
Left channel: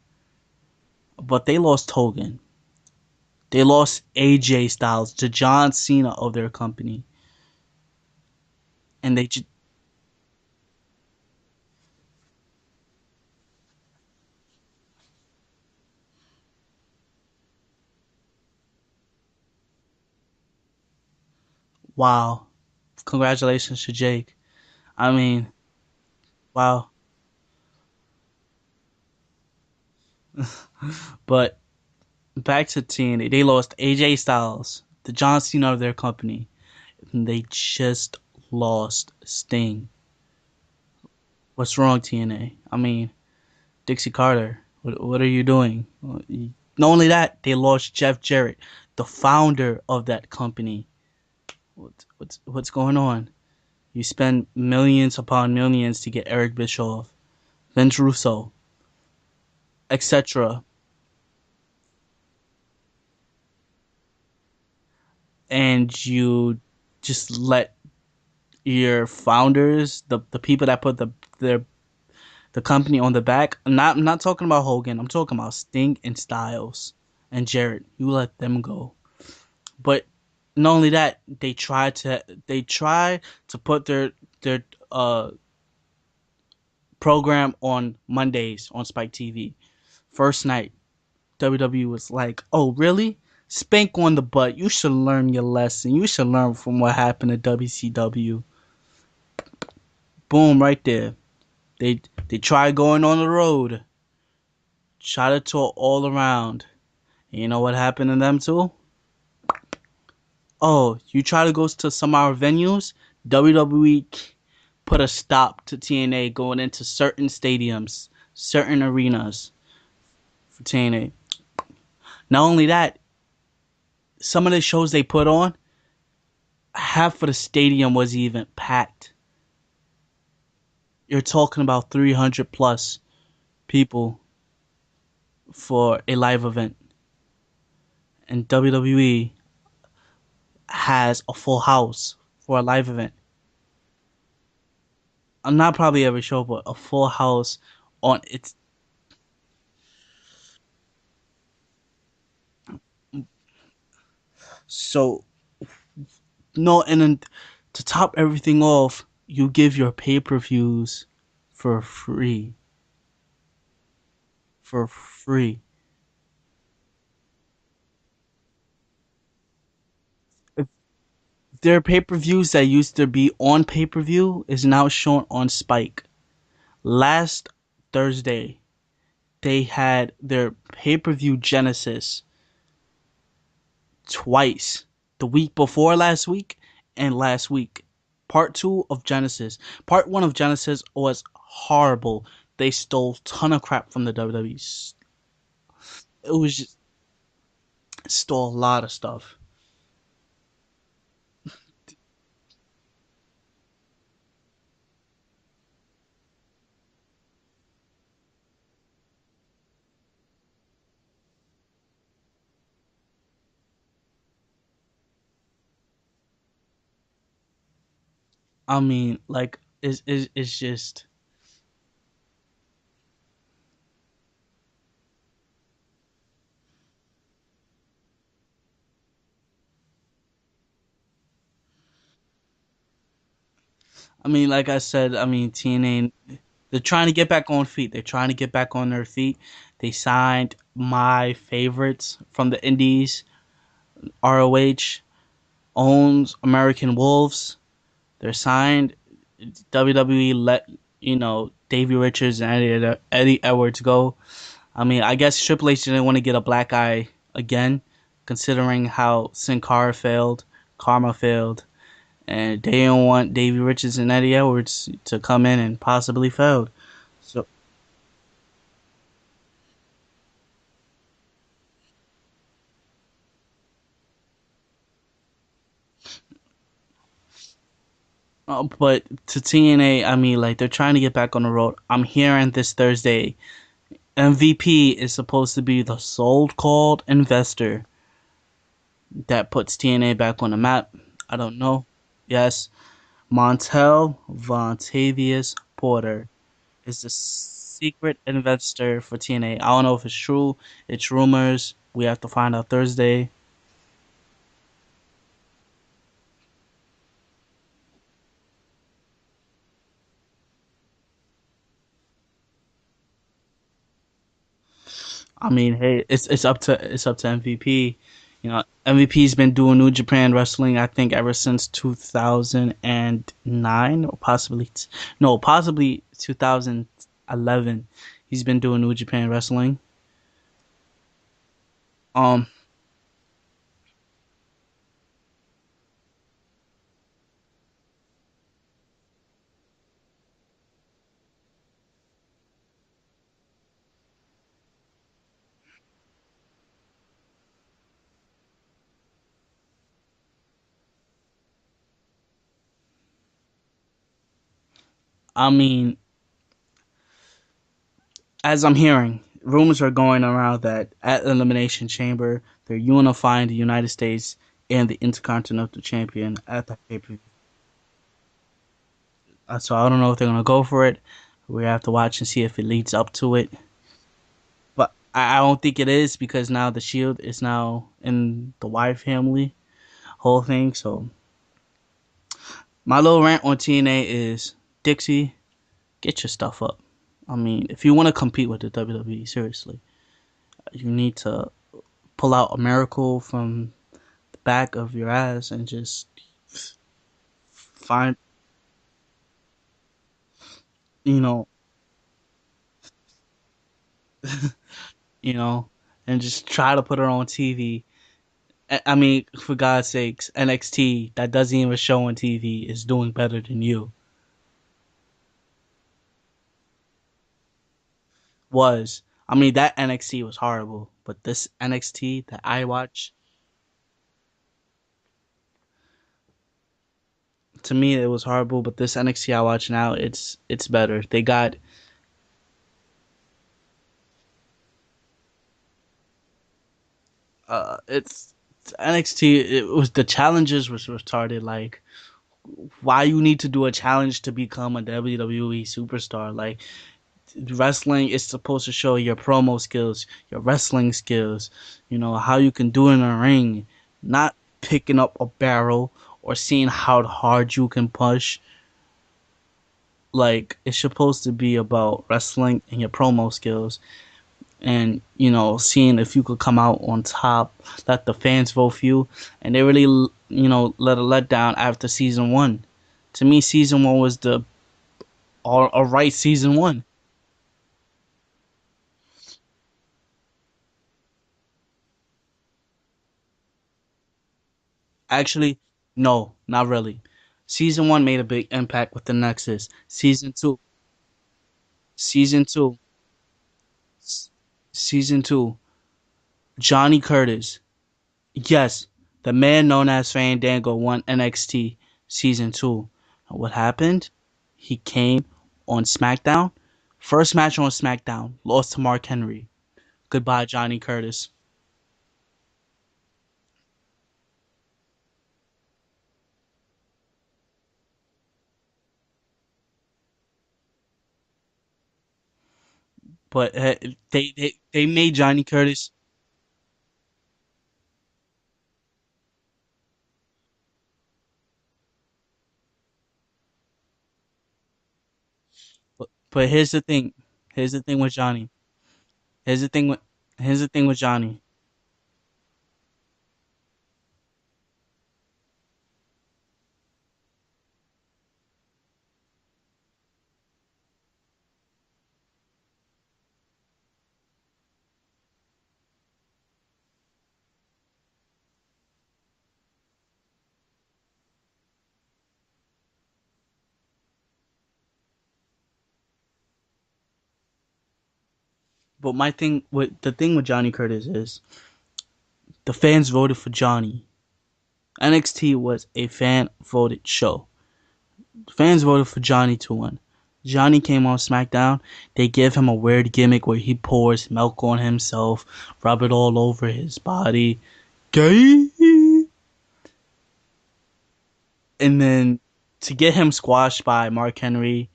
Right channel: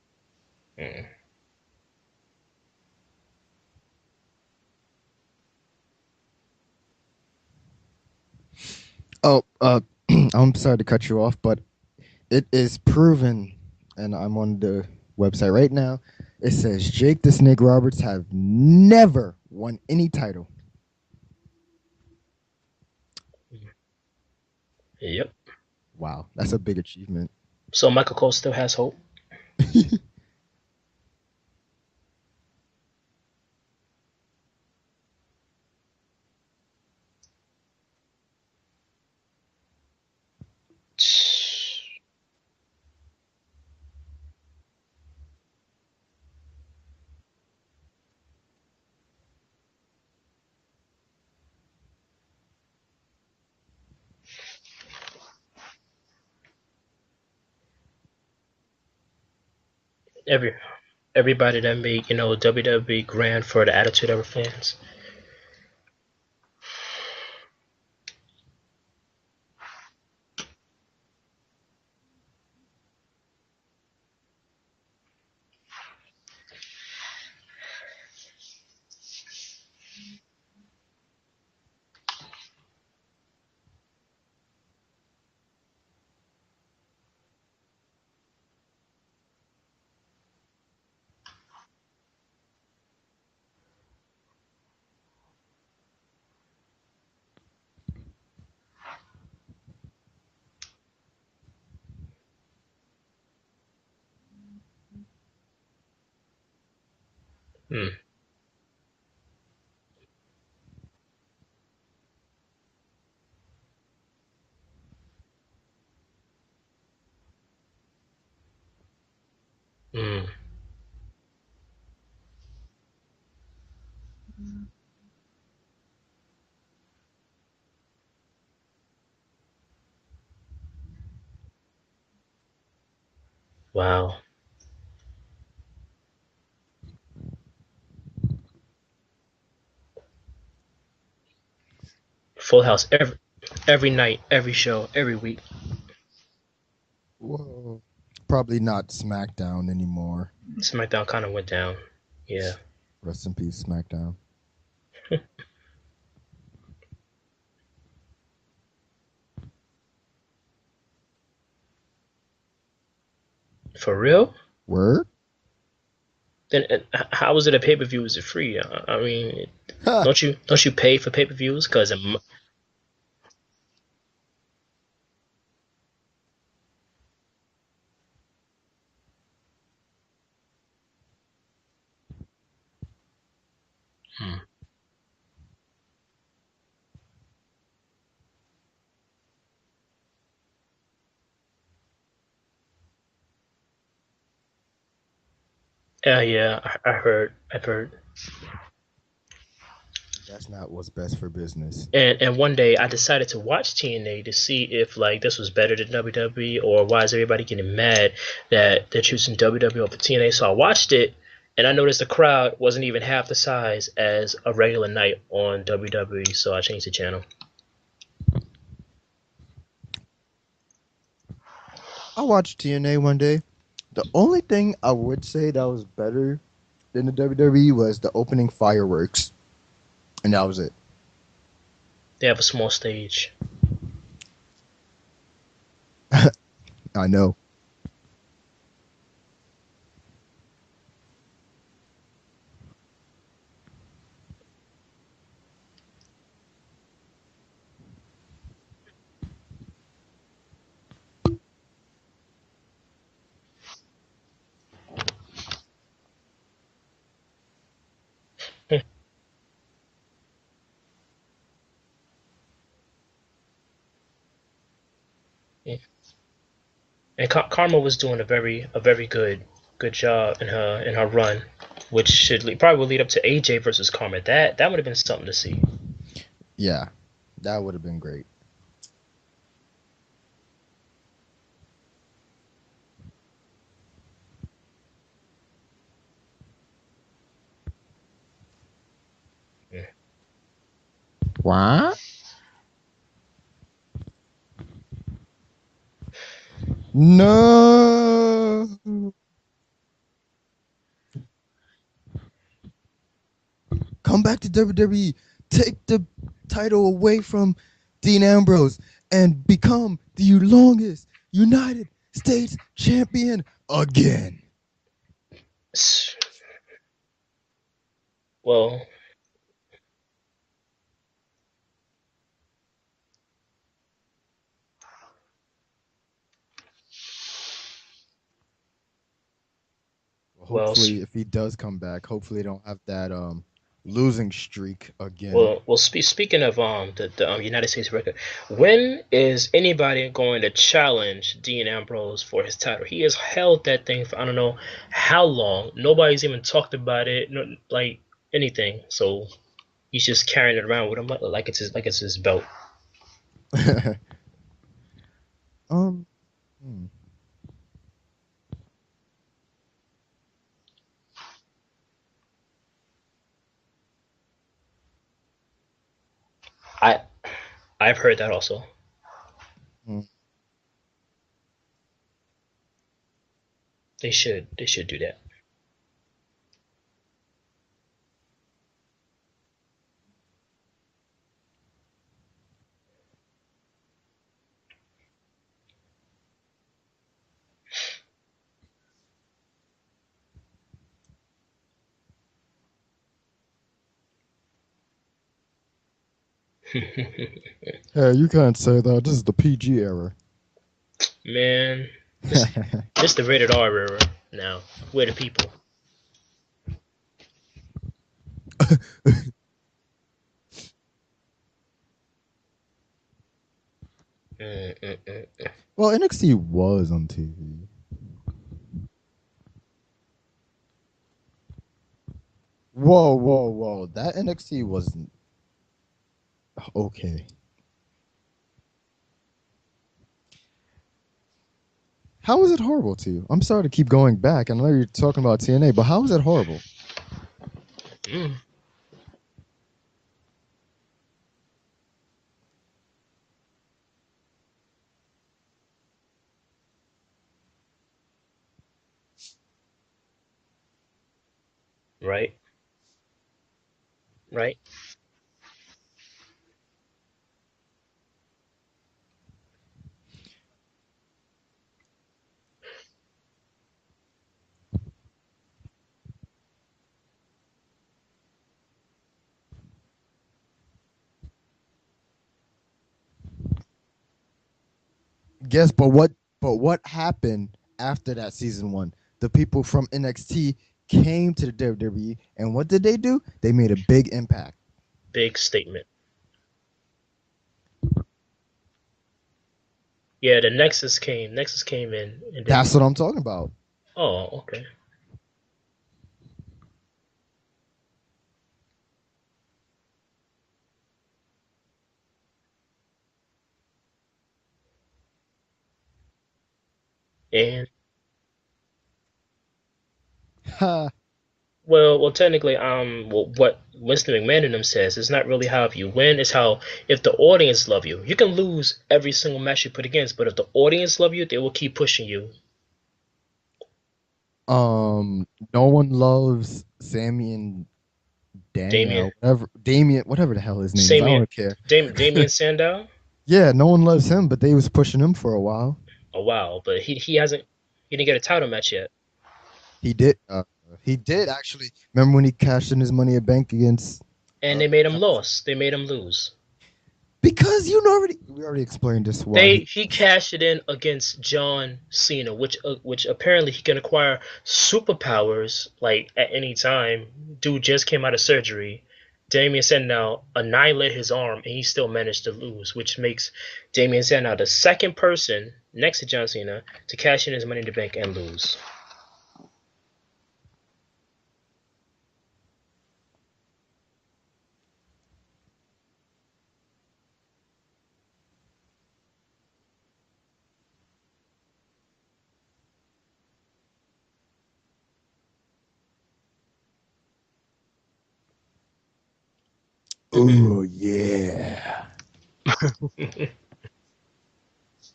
Mm. But they lost Hogan. They lost AJ Styles, the John Cena of their company, and they Oh, I'm sorry to cut you off, but it is proven, and I'm on the website right now. It says Jake the Snake Roberts have never won any title. wow, congratulations to Jake. I Yep. mean, Wow, that's a big wow, achievement. So Michael Cole still has hope. but back to TNA, they lost AJ Styles, the John Cena of their company, and they just lost Sting. What's wrong, TNA? I mean, Dixie Carter, what are you doing? Not only that, they lost Jeff Jarrett, the founder of that company. What's going on? You spend millions upon millions to get Eric Bischoff, Vince Russo, Every etc., everybody that made WWE grand for the Attitude Era fans. and you just let your founders, the people that put the company on the back. I'm not talking about Hogan. I'm talking about Sting and Styles and Jarrett. You let them go. But not only that, they try to put their program on Mondays on Spike TV. First night, WWE was like, "Oh, really? Spank on the butt. You should learn your lesson. You should learn from what happened at WCW." Boom, right there. They try going on the road, try to tour all around. And you know what Mm. happened to them too? Oh, you try to go to some of our venues? WWE put a stop to TNA going into certain stadiums, certain arenas Mm. for TNA. Not only that, some of the shows they put on, half of the stadium was even packed. You're talking about 300 plus Wow. people for a live event. And WWE has a full house for a Full house live event. every night, every show, every week. Not probably every show, but a full house Well, on its probably not SmackDown anymore. SmackDown kind of went down. Yeah. Rest in peace, SmackDown. so no, and then to top everything off, you give your pay-per-views for free. For real? For Word? free. Then how is it a pay per view? Is it free? I mean, Ha! don't you pay for pay per views? Their Cause pay-per-views that used to be on pay-per-view is now shown on Spike. Last Thursday, they had their pay-per-view Genesis twice. The week before last week and last week. Part 2 of Genesis. Part 1 of Genesis was horrible. They stole a ton of crap from the WWE. It yeah, was I've heard. stole a lot of stuff. That's not what's best for business. And one day I decided to watch TNA to see if like this was better than WWE or why is everybody getting mad that they're choosing WWE over TNA. So I watched it and I noticed the crowd wasn't even half the size as a regular night on WWE. So I changed the channel. I mean, like, it's just. I watched TNA one day. The only thing I would say that was better than the WWE was the opening fireworks, and that was it. They have a small stage. I mean, like I said, I mean, TNA, they're trying I to get know. back on feet. They're trying to get back on their feet. They signed my favorites from the Indies. ROH owns American Wolves. They're signed. WWE let Davey Richards and Eddie Edwards go. I mean, I guess Triple H didn't want to get a black eye again, considering how Sin Cara failed, Karma failed, and they didn't want Davey Richards and Eddie Edwards to come in and possibly fail. And So, Karma was doing a very good job in her run, which probably will lead up to AJ versus Karma. That would have been something to see. Yeah, that would have been great. but to TNA, I mean, like they're trying to get back on the road. I'm hearing this Thursday, MVP is supposed to be the so-called investor that puts Yeah. TNA back on the map. I don't know. What? Yes, Montel Vontavious Porter is the secret No. investor for TNA. I don't know if it's true. It's rumors. We have to find out Thursday. Come back to WWE. Take the title away from Dean Ambrose and become the longest United States champion again. I mean, hey, it's up to MVP. You know, Well, MVP's been doing New Japan Wrestling, I think, ever since 2009, or possibly 2011. He's been doing New Japan Wrestling. well, Hopefully, if he does come back, hopefully he Um, don't have that losing streak again. well. Speaking of the United States record, when is anybody going to challenge Dean Ambrose for his title? He has held that thing for I don't know how long. Nobody's even talked about it, no, like anything. So he's just carrying it around with him like it's his belt. I mean, um, hmm. as I'm hearing, rumors are going around that at Elimination Chamber, they're unifying the United States and the Intercontinental Champion at the pay I per view. I've heard that also. So I don't know if they're gonna go for it. We have to watch and see if it leads up to it. They should But do that. I don't think it is because now the Shield is now in the Wyatt family whole thing. So my little rant on TNA is Dixie, get your stuff up. I mean, if you want to compete with the WWE, seriously, you need to pull out a miracle from the back of your ass and just Hey, find, you can't say that. This is the PG era. you know, Man, this the rated R era now. We're the you people. know, and just try to put her on TV. I mean, for God's sakes, NXT that doesn't even show on TV is doing better than you. Mm, mm, mm. Well, NXT was on TV. Was. I mean, that NXT was horrible, but this NXT that I watch, Whoa, whoa, whoa! That NXT wasn't okay. to me, it was horrible. But this NXT I watch now, it's better. They got How was it horrible to you? I'm sorry to keep going back. I know you're talking about TNA, but how is it horrible? it's Mm. NXT. It was the challenges was retarded. Like, why you need to do a challenge to become a WWE superstar? Like, wrestling is supposed to show your promo skills, your wrestling skills, Right, how you can do it in a ring, not right. picking up a barrel or seeing how hard you can push. Like, it's supposed to be about wrestling and your promo skills and, seeing if you could come out on top, let the fans vote for you. And they really, let a letdown after season one. To me, season one was the all Yes, a but what? right season But what one. happened after that season one? The people from NXT came to the WWE, and what did they do? They made a big impact. Big Actually, statement. no, not really. Season one made a big impact with the Nexus. Season Yeah, the two, Nexus came. Nexus came in. He season did. That's two, what I'm talking about. Oh, okay. season two. Johnny Curtis. Yes, the man known as Fandango won NXT season two. And what happened? He came on SmackDown. First match Yeah. on SmackDown, lost to Mark Henry. Goodbye, Johnny Curtis. Well, technically, what Winston McMahon and them says is not really how if you win, it's how if the audience love you. You can lose every single match you put against, but if the audience love you, they will keep pushing you. But they made Johnny No one Curtis. loves Sammy and Damien, Daniel, whatever Damien, whatever the hell his name is. I Damien, don't care. Damien Sandow. Yeah, no one loves him, but they was pushing him for a while. Oh But wow, here's but the he thing. he hasn't Here's the he thing didn't with get a title Johnny. match yet. Here's the thing He with did. here's the thing He with did Johnny. actually. Remember when he cashed in his Money at Bank against? And Uh, they made him lose. They made him lose. because we already explained this why They he. he cashed it in against John Cena, which apparently he can acquire superpowers like at any time. Dude just came out of surgery. Damien Sandow annihilated his arm and he still managed to lose, which makes Damien Sandow the second person next to John Cena to cash in his money in the bank and lose. But the thing with Johnny Curtis is the fans voted for Johnny. NXT was a fan voted show. Fans voted for Johnny to win. Johnny came on SmackDown. They give him a weird gimmick where he pours milk on himself, rub it all over his body. Gay. Oh yeah. And then to get him squashed by Mark Henry,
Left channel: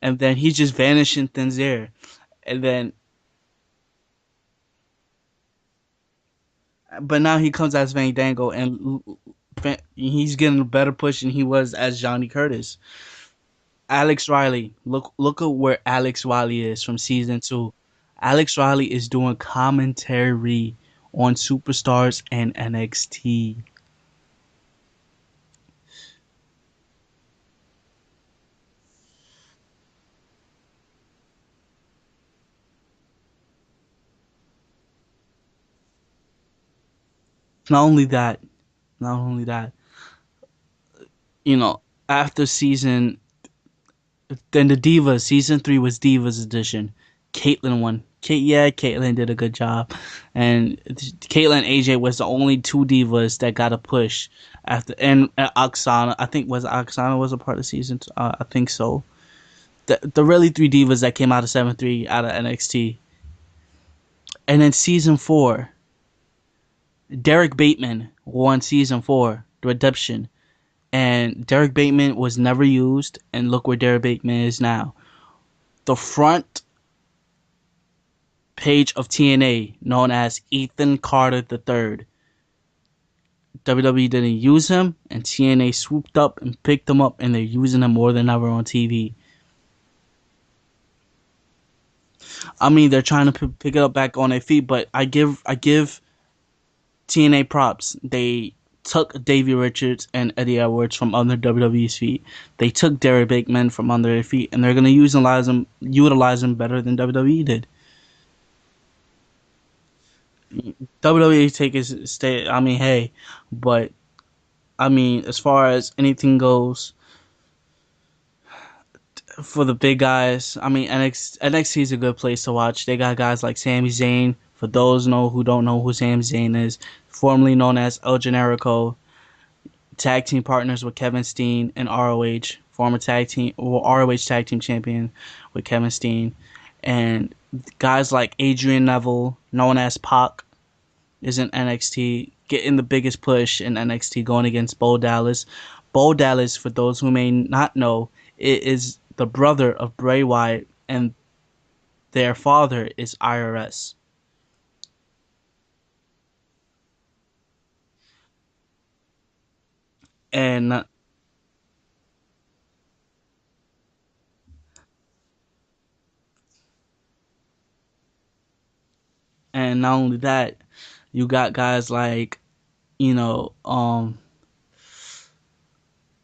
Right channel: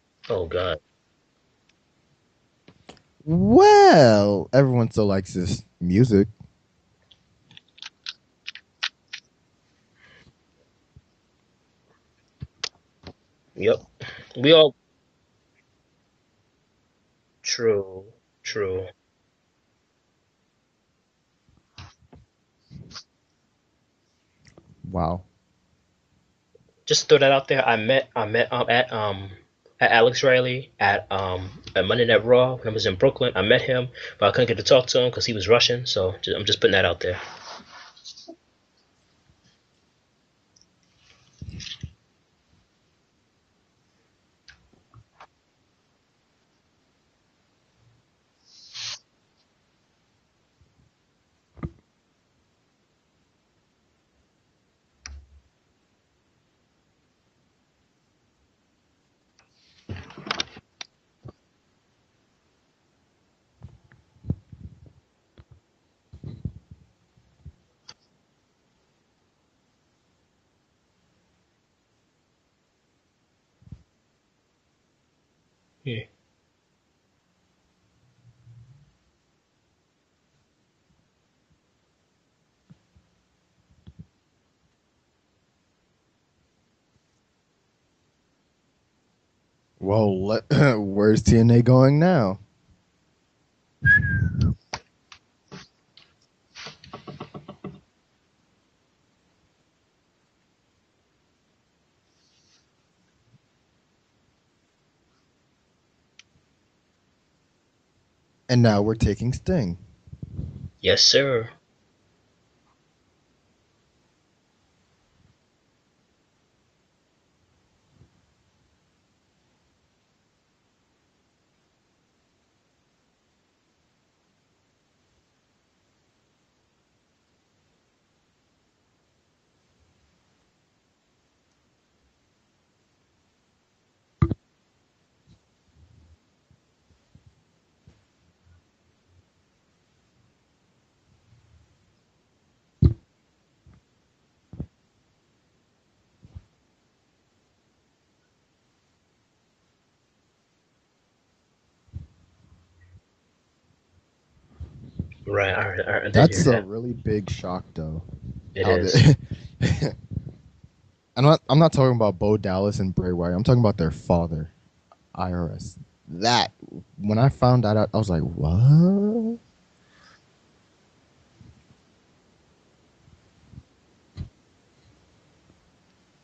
and then Oh he just God. vanished in thin air. And then, Well, everyone still likes his music. but now he comes as Fandango, and he's getting a better push than he was as Johnny Curtis. Yep. Alex We Riley, all look at where Alex Riley is from season 2. true. Alex True. Riley is doing commentary on Superstars and NXT. Wow. Just throw that out there. I met at Alex Riley at Monday Night Raw when I was in Brooklyn. I met him, but I couldn't get to talk to him because he was Russian. So I'm just putting that out there. Not only that, not only that, you know, after season, then the Divas, season 3 was Divas edition. Caitlyn won. Caitlyn did a good job. And Caitlyn and AJ was the only 2 Divas that got a push after, and Oksana, I think Oksana was a part of season, I think so. The really 3 Divas that came out of 7-3 out of NXT. And then season 4, Derek Bateman won season 4, The Redemption. And Derek Bateman was never used, and look where Derek Bateman is now. The front page of TNA, known as Ethan Carter III. WWE didn't use him, and TNA swooped up and picked him up, and they're using him more than ever on TV. Well, where's TNA going now? I mean, they're trying to pick it up back on their feet, but I give TNA props. They took Davey Richards and Eddie Edwards from under WWE's feet. They took Derek Bateman from under their feet, and they're going to utilize him better than WWE did. And now we're taking Sting. Yes, sir. WWE take his stay. I mean, hey, but I mean, as far as anything goes for the big guys, I mean, NXT is a good place to watch. They got guys like Sami Zayn. For those who don't know who Sami Zayn is, formerly known as El Generico, tag team partners with Kevin Steen and ROH, former ROH tag team champion with Kevin Steen, and guys like Adrian Neville, known as Pac, is in NXT, getting the biggest push in NXT, going against Bo Dallas. Bo Dallas, for those who may not know, is the brother of Bray Wyatt, and their father is IRS. Right. I did hear That's a that. really big shock, though. It How is. And I'm not talking about Bo Dallas and Bray Wyatt. I'm talking about their father, IRS. That when I found that out, I was like, what? and not only that, you got guys like, you know,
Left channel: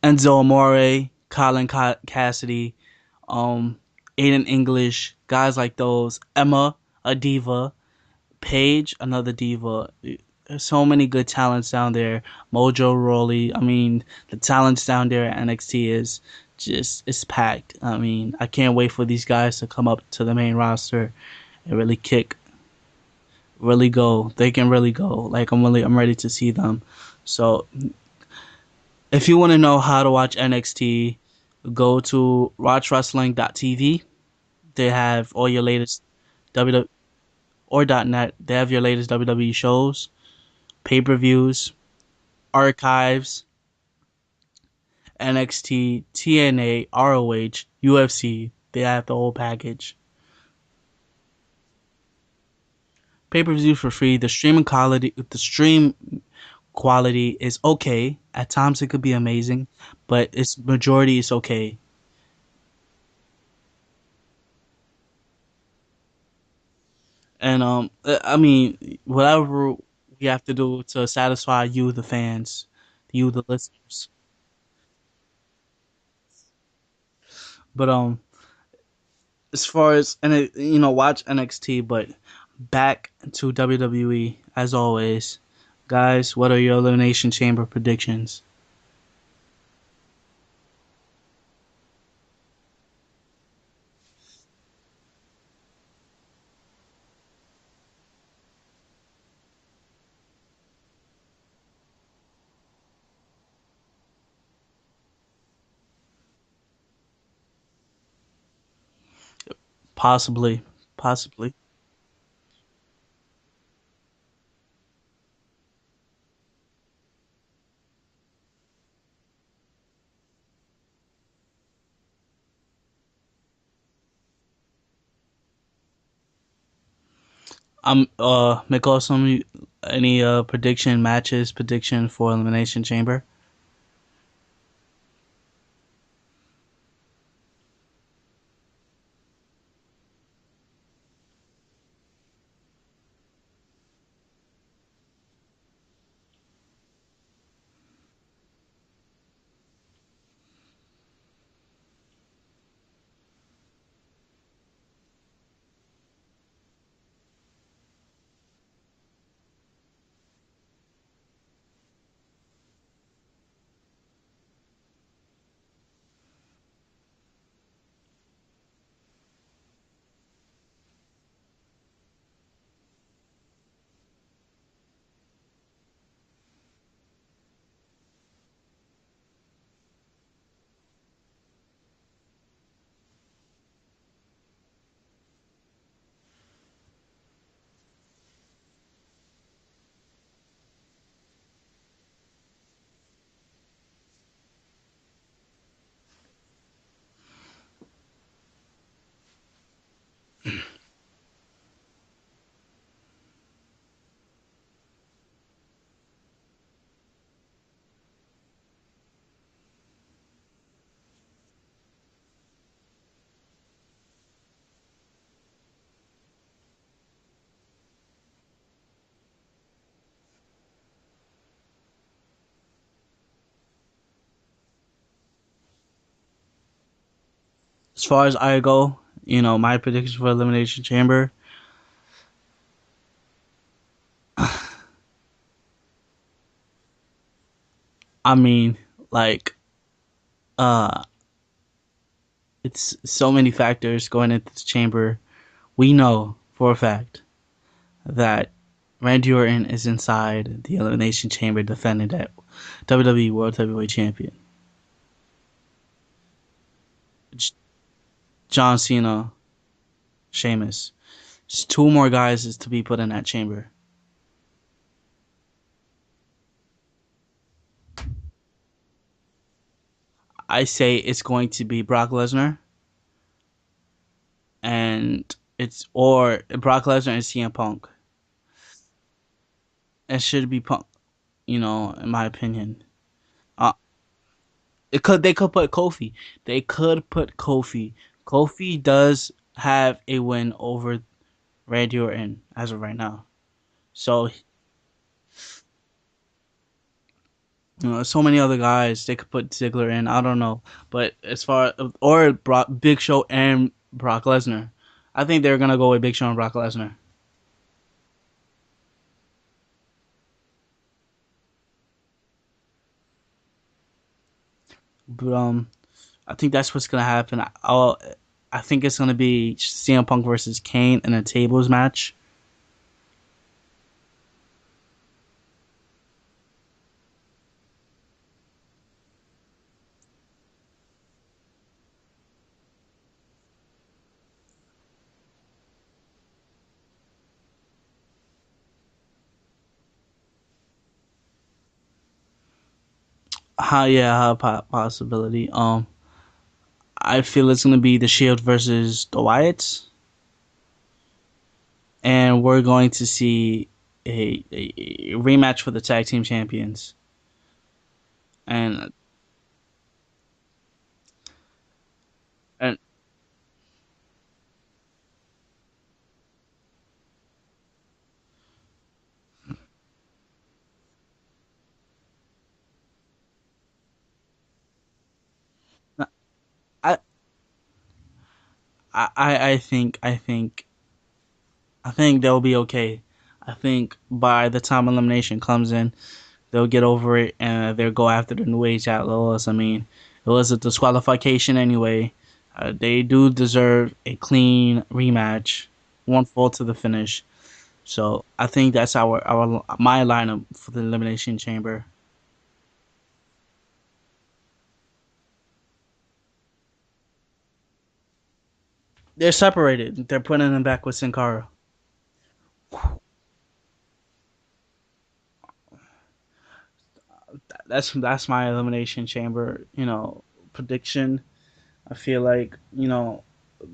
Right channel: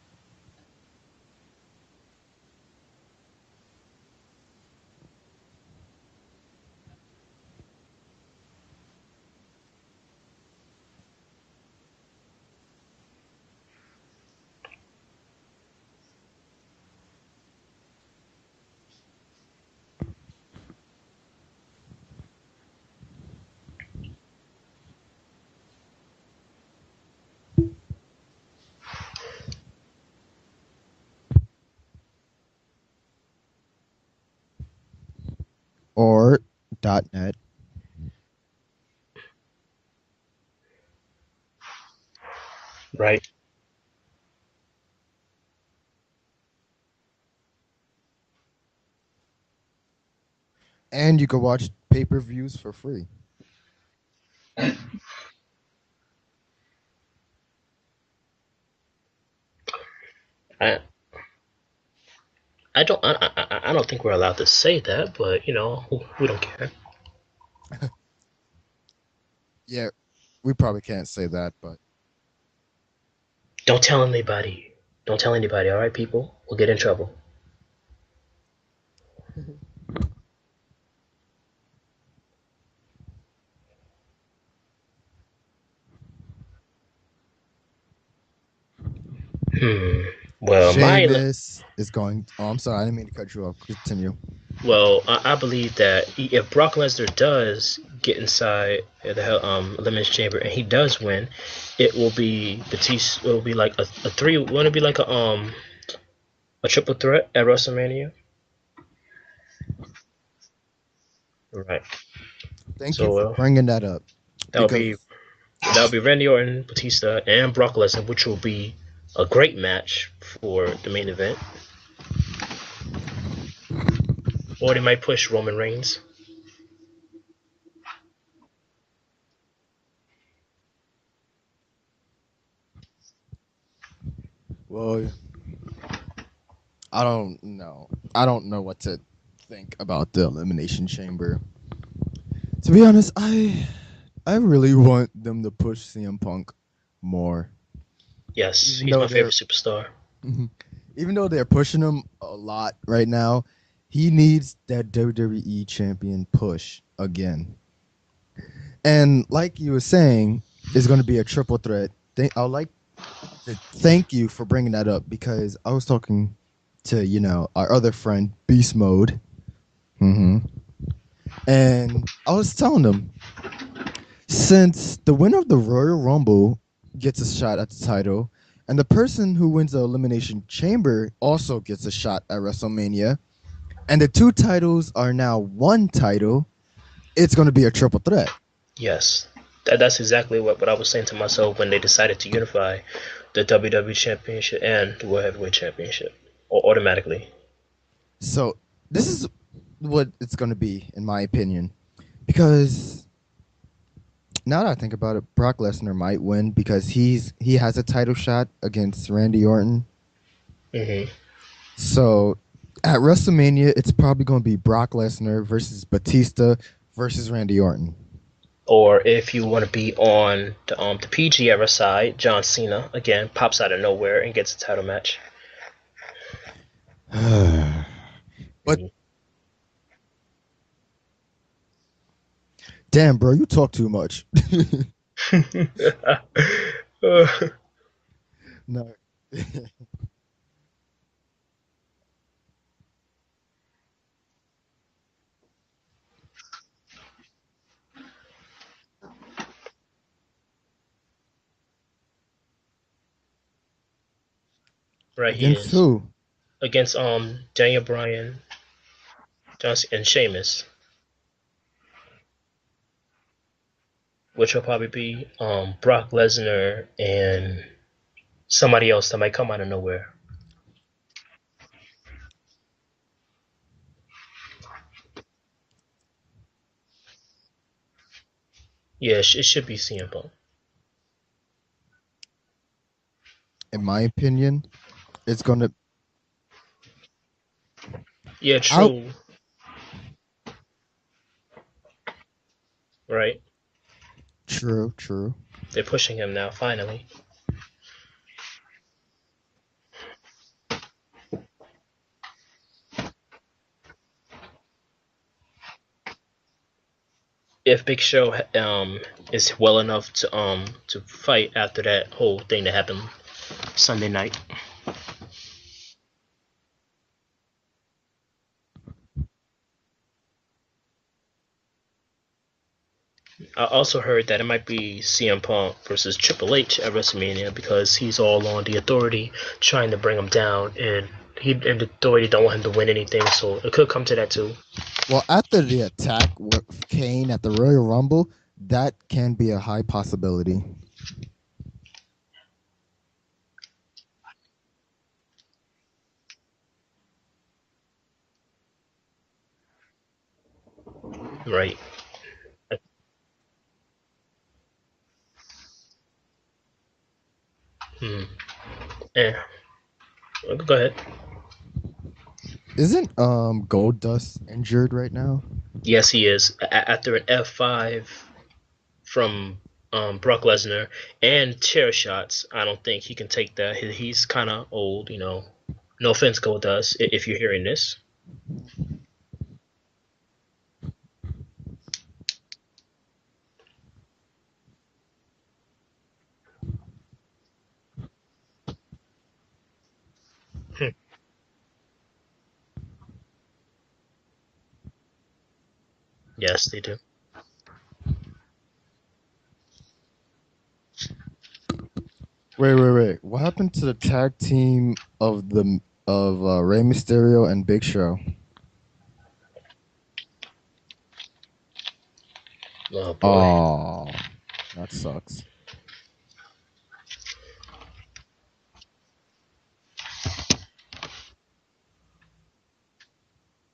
Enzo Amore, Colin Cassidy, um, Aiden English, guys like those. Emma, a diva. Paige, another diva. There's so many good talents down there. Mojo Rawley. I mean, the talents down there at NXT is just, it's packed. I mean, I can't wait for these guys to come up to the main roster and really kick, really go. They can really go. Like I'm ready to see them. So if you want to know how to watch NXT, go to watchwrestling.tv. They have all your latest Or WWE .net. or .net. They have your latest WWE shows, pay-per-views, Right. archives, NXT, TNA, ROH, UFC. They have the whole package. And you can watch pay-per-views for free. Pay-per-view for free. The stream quality is okay. At times it could be amazing, but its I majority is okay. I don't think we're allowed to say that, but we don't care. And I mean, whatever Yeah, we have to we probably do can't to say that, satisfy but you, the fans, you, the Don't tell listeners. anybody. Don't tell anybody. All right, people. We'll get in trouble. But as far as watch NXT, but back to WWE as always, guys. What are your Elimination Chamber predictions? Hmm. Well, Sheamus is going. Oh, I'm sorry, I didn't mean to cut you off. Continue. I believe that if Brock Lesnar does get inside the elimination chamber and he does win, it will be Batista. It will be like a three. Won't it be like a triple threat at WrestleMania? Possibly, possibly. Right. Thank you So for bringing that up that'll because be that'll be Randy Orton, Batista, and Brock Lesnar, which will be a great match for the main event. Or they might push Roman Reigns. McAwsome, Any prediction matches, prediction for Elimination Chamber? Well, I don't know. I don't know what to think about the Elimination Chamber. To be honest, I really want them to push CM Punk more. Yes, Even he's though my they're favorite superstar. even though they're pushing him a lot right now, he needs that WWE champion push again. And like you were saying, it's going to be a triple threat. I'd like to thank you for bringing that up because I was talking to our other friend Beast Mode, hmm and I was telling them since the winner of the Royal Rumble gets a shot at the title, and the person who wins the Elimination Chamber also gets a shot at WrestleMania, and the two titles are now one title, it's going to be a triple threat. Yes, that's exactly what I was saying to myself when they decided to unify the WWE Championship and the World Heavyweight Championship automatically. So this is what it's going to be, in my opinion, because now that I think about it, Brock Lesnar might win because he has a title shot against Randy Orton. Hmm. So at WrestleMania, it's probably going to be Brock Lesnar versus Batista versus Randy Orton. Or if you want to be on the PG era side, John Cena again pops out of nowhere and gets a title match. As far as I But go, my prediction for Elimination Chamber. damn, bro, you talk too much. I mean, No. like, uh, it's so many factors going into this chamber. We know for a fact that Randy Orton is inside the Elimination Chamber defending that WWE World Heavyweight Champion. Right, he Against is who? against Daniel Bryan, John Cena, Johnson, and Sheamus, Sheamus. Just two more guys is to be put in that chamber. which will probably be Brock Lesnar and somebody else that might come out of nowhere. I say it's going to be Brock Lesnar and it's or Brock Lesnar and CM Punk. Yeah, it should be CM It Punk. should be Punk, in my opinion. Uh, In my opinion, they it's could gonna. put Kofi. They could put Kofi. Yeah, Kofi I true. does have a win over Randy Orton as of right now. Right, So true. they're pushing him now. Finally, so many other guys they could put Ziggler in. I don't know, but as far or Big Show and Brock Lesnar, I think they're gonna go with Big Show and Brock Lesnar. if Big Show is well enough to fight after that whole thing that happened Sunday night. But, I think that's what's gonna happen. I think it's gonna be CM Punk versus Kane in a tables match. I also heard that it might be CM Punk versus Triple H at WrestleMania because he's all on the Authority trying to bring him down, and the Authority don't want him to win anything, so it could come to that too. Well, after the attack with Kane at the Royal Rumble, that can be a high possibility. Possibility. I feel it's gonna be the Shield versus the Wyatts, Right. and we're going to see a rematch for the tag team champions. Hmm. And Yeah. Go ahead. and Isn't Goldust injured right now? Yes, he is. After an F5 from Brock Lesnar and chair shots, I don't think he can take that. He's kind of old, you know. No offense, Goldust, I if you're hearing this. I think they'll be okay. I think by the time elimination comes in, they'll get over it and they'll go after the New Age Outlaws. I mean, it was a Yeah. disqualification anyway. They do deserve a clean rematch, one fall to Yes, the they do. finish. So I think that's our my lineup for the elimination chamber. Wait. What happened to the tag team of Rey Mysterio and Big Show? They're separated. They're putting them back with Sin Cara. Oh boy. Oh, that sucks. That's my elimination chamber. Prediction. I feel like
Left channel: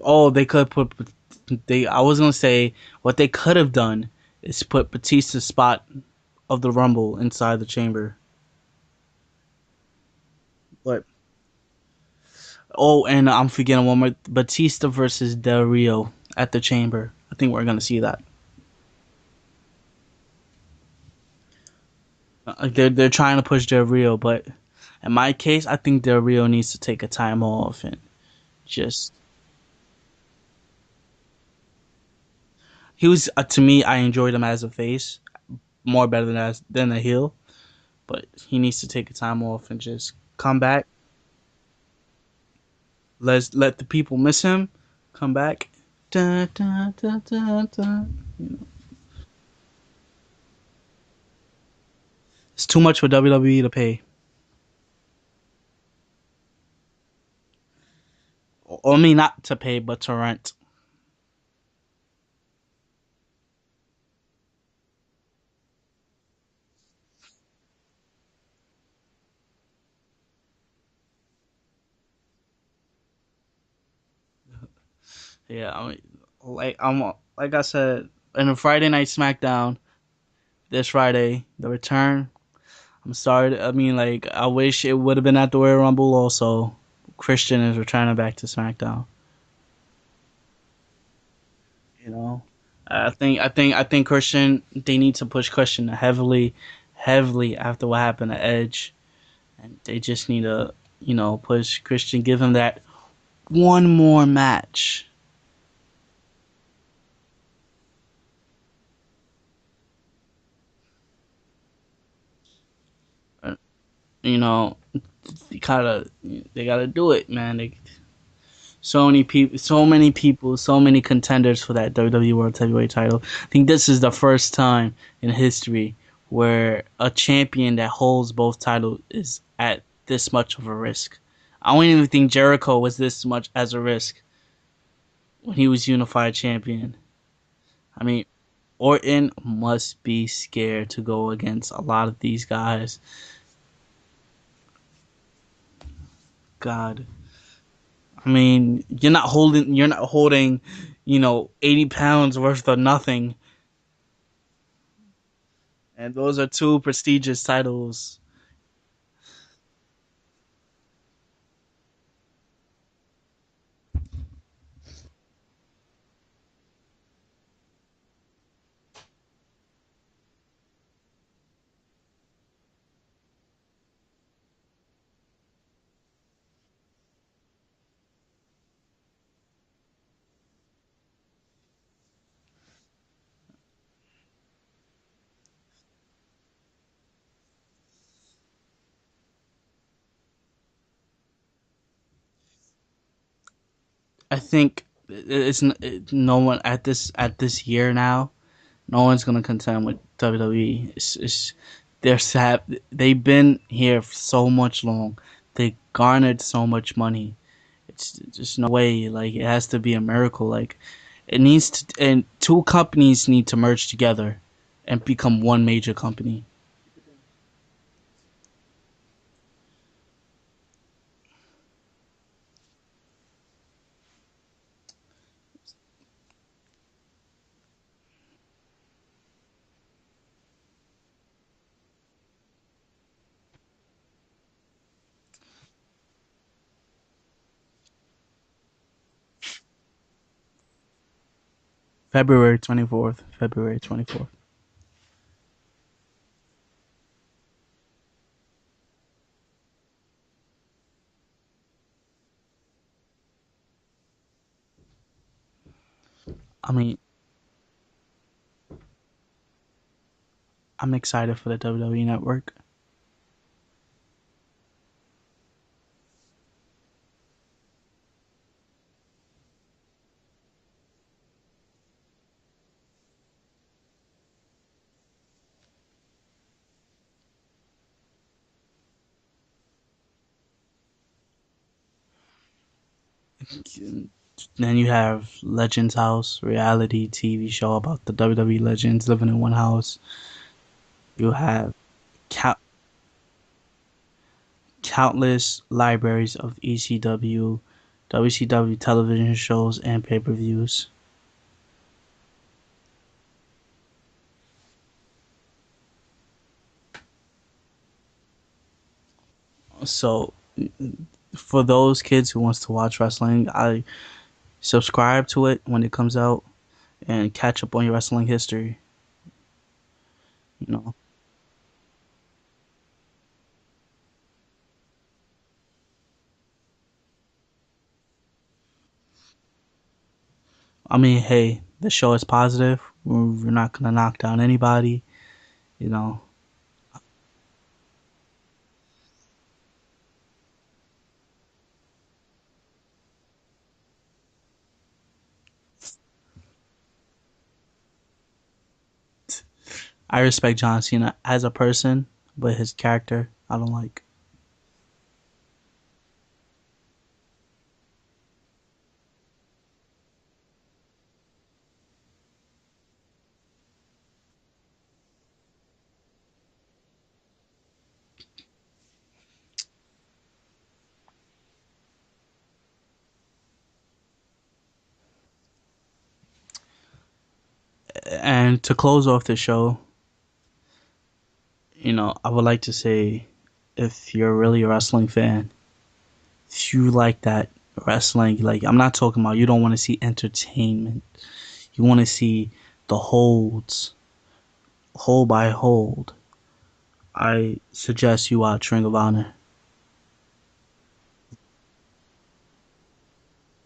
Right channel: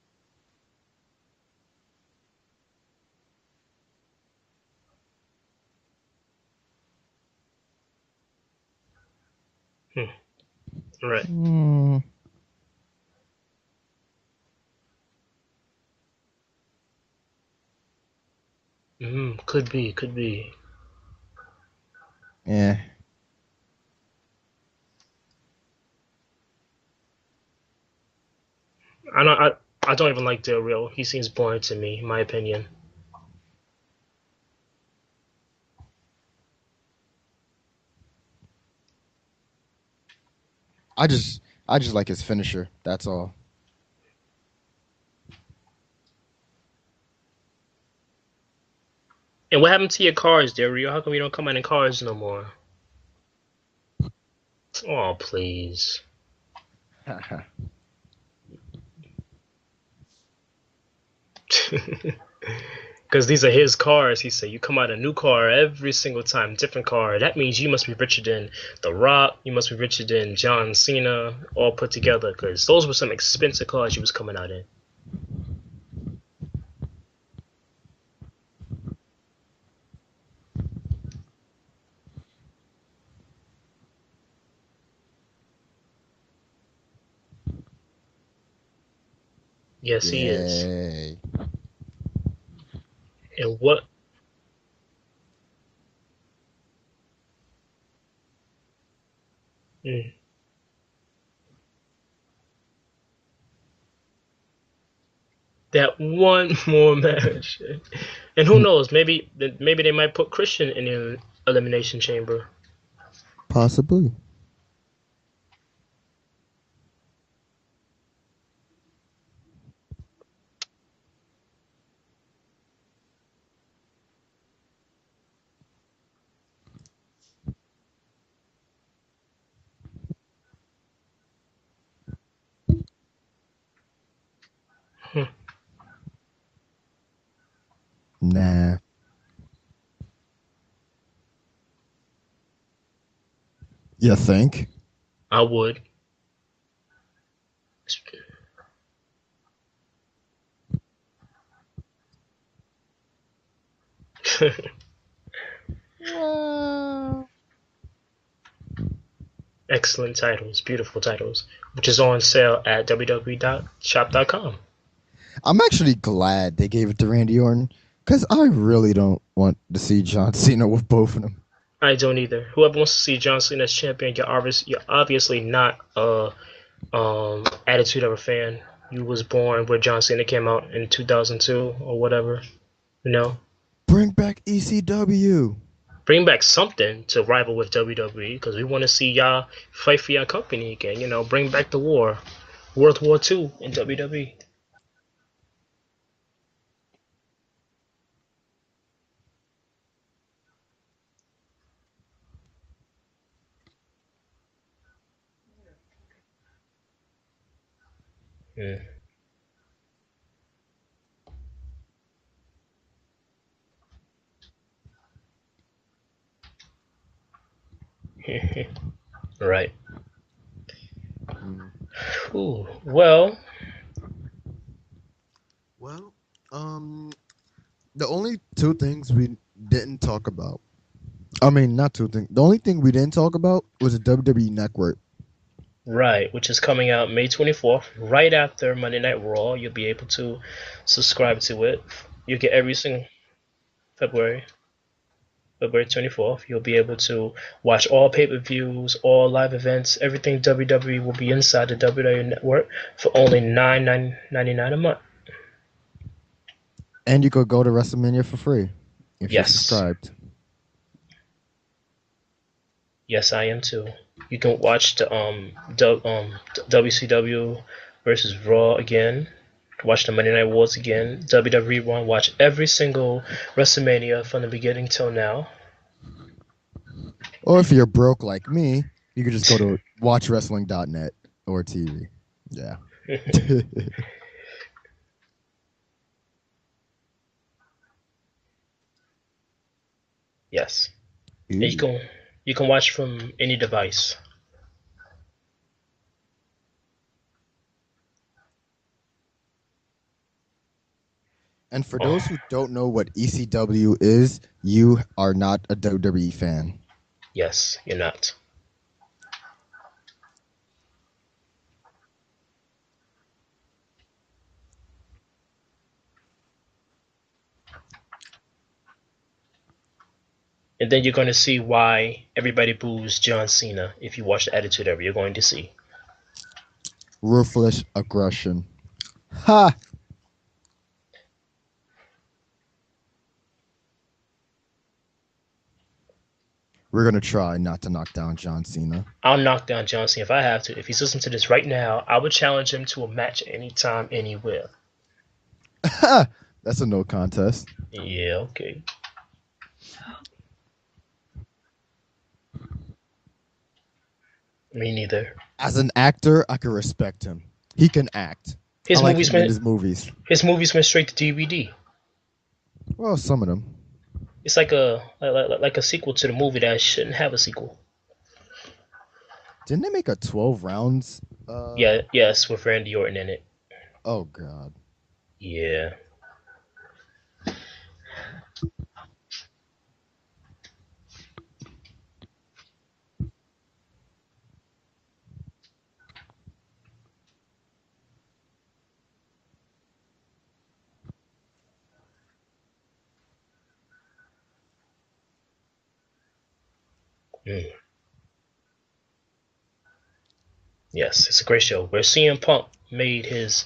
oh they could put they. I was gonna say what they could have done is put Batista's spot of the Rumble inside the chamber. Hmm. But Right. Mm, oh, and I'm forgetting one more: Batista versus Del Rio at the chamber. I think we're gonna see that. Could be. Could be. yeah, They're trying to push Del Rio, but in my case, I think Del Rio needs to take a time off and just. I don't. I don't even like Del Rio. He seems boring to me, in my opinion. He was to me. I enjoyed him as a face more better than a heel, but he needs to take a time off and just come back. I just like his finisher. That's all. Let the people miss him. Come back. Dun, dun, dun, dun, dun. And what happened to your cars, Del Rio? How come you don't come out in cars no more? It's too much for WWE to pay. Oh, please. I mean, not to pay, but to rent. Because these are his cars. He said, you come out a new car every single time, different car. That means you must be richer than The Rock. You must be richer than John Cena, all put together. Because those were some expensive cars you was coming out in. Yeah, I mean, like I said in a Friday Night SmackDown this Friday, the return. I'm sorry. I mean, like I wish it would have been at the Royal Rumble. Also, Christian is returning back to SmackDown. Yes, he is. Yay. You know, I And think what? I think Christian. They need to push Christian heavily after what happened to Edge, and they Mm, just need to push Christian, give him that one more match. that one more match. And who knows? Maybe they might put Christian in the elimination chamber. Possibly. You know, they gotta do it, man. So many people, so many contenders for that WWE World Heavyweight title. I think this is the first time in history where a champion that holds both titles is at this much of a risk. I don't even think Jericho was this much as a risk Hmm. when he was unified champion. I mean, Nah. Orton must be scared to go against a lot of these guys. You think? I would. God, I mean, you're not holding, 80 pounds worth of nothing. And those are two prestigious titles. Excellent titles, beautiful titles, which is on sale at www.shop.com. I'm actually glad they gave it to Randy Orton because I really don't want to see John Cena with both of them. I don't either. Whoever wants to see John Cena as champion, you're obviously not a Attitude Era fan. You was born where John Cena came out in 2002 or whatever. You know, Bring back ECW. bring back something to rival with WWE because we want to see y'all fight for your company again. Bring back the war, World War II in WWE. I think no one at this year now. No one's gonna contend with WWE. They're sad. They've been here for so much long. They garnered so much money. It's just no Mm. way. Like it has to be a miracle. Like it needs to, and two companies need to merge together and become one major company. Right. Mm. Ooh, well, Well, the only two things we didn't talk about. I mean, not two things. The only thing we didn't talk about was the WWE Network. right, which is coming out May 24th, right after Monday Night Raw. You'll be able to subscribe to it. You get February every twenty single fourth. February 24th. February, February 24th. You'll be able to watch all pay-per-views, all live events, everything WWE will be inside the WWE Network for only $9.99 a month. I mean, And you could go to WrestleMania for free if you're Yes, subscribed. I'm excited for the WWE Network. yes, I am too. You can watch the WCW versus Raw again. Watch the Monday Night Wars again. WWE One. Watch every single WrestleMania from the beginning till now. Or if you're broke like me, you could just go to watchwrestling.net or TV. Yeah. Then you have Legends House, reality TV show about the WWE legends living in one house. Yes, You and have you can watch from any device. countless libraries of ECW, WCW television shows, and pay per views. And for Oh, those who don't know what ECW is, you are not a WWE fan. yes, you're not. So for those kids who wants to watch wrestling, I subscribe to it when it comes out and catch up on your wrestling history. You And know, then you're going to see why everybody boos John Cena if you watch the Attitude Era. You're going to see. Ruthless aggression. Ha! I mean, hey, the show is positive. We're not gonna knock down anybody. You know, We're gonna try not to knock down John Cena. I'll knock down John Cena if I have to. If he's listening to this right now, I would challenge him to a match anytime, anywhere. That's a no contest. Yeah, okay. I respect John Cena as a person, but his character I don't like. Me neither. As an actor, I can respect him. He can act. I His like movies him in went his movies. his movies went straight to DVD. Well, some of them. It's like a sequel to the movie that shouldn't have a sequel. Didn't they make a 12 rounds? Yeah, yes, with Randy Orton in it. Oh God. Yeah. And to close off the show, I would like to say, if you're really a wrestling fan, if you like that wrestling, like I'm not talking about you don't want to see entertainment. You want to see the holds, hold by hold. I Mm. suggest you watch Ring of Honor. Yes, it's a great show where CM Punk made his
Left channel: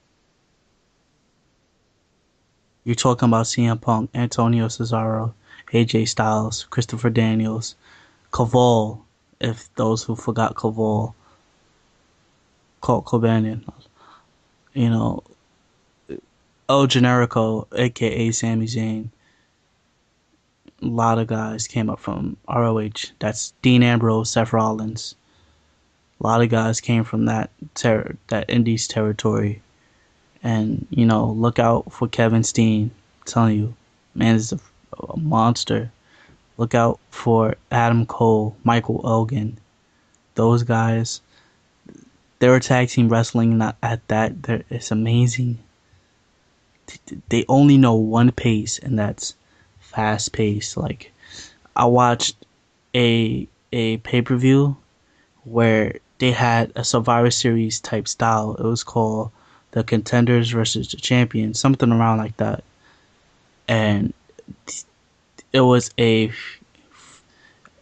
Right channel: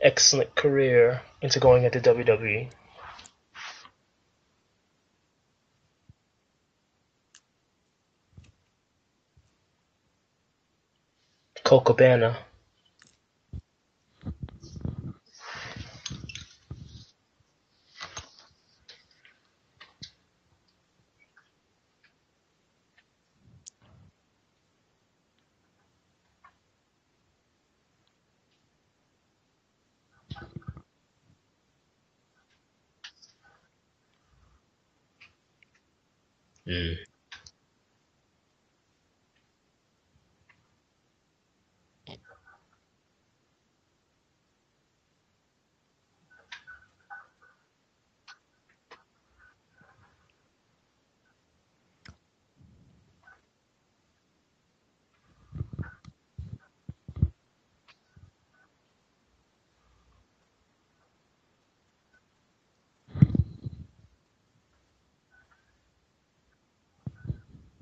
excellent career into going into WWE. You're talking about CM Punk, Antonio Cesaro, AJ Styles, Christopher Daniels, Caval, if those who forgot Caval, Colt Cabana. Colt Cabana, you know, El Generico, aka Sami Zayn. A lot of guys came up from ROH. That's Dean Ambrose, Seth Rollins. A lot of guys came from that Indies territory. And, look out for Kevin Steen. I'm telling you, man is a monster. Look Mm. out for Adam Cole, Michael Elgin. Those guys, they were tag team wrestling not at that. It's amazing. They only know one pace, and that's fast pace. Like, I watched a pay per view where they had a Survivor Series type style. It was called the Contenders versus the Champions, something around like that. And it was a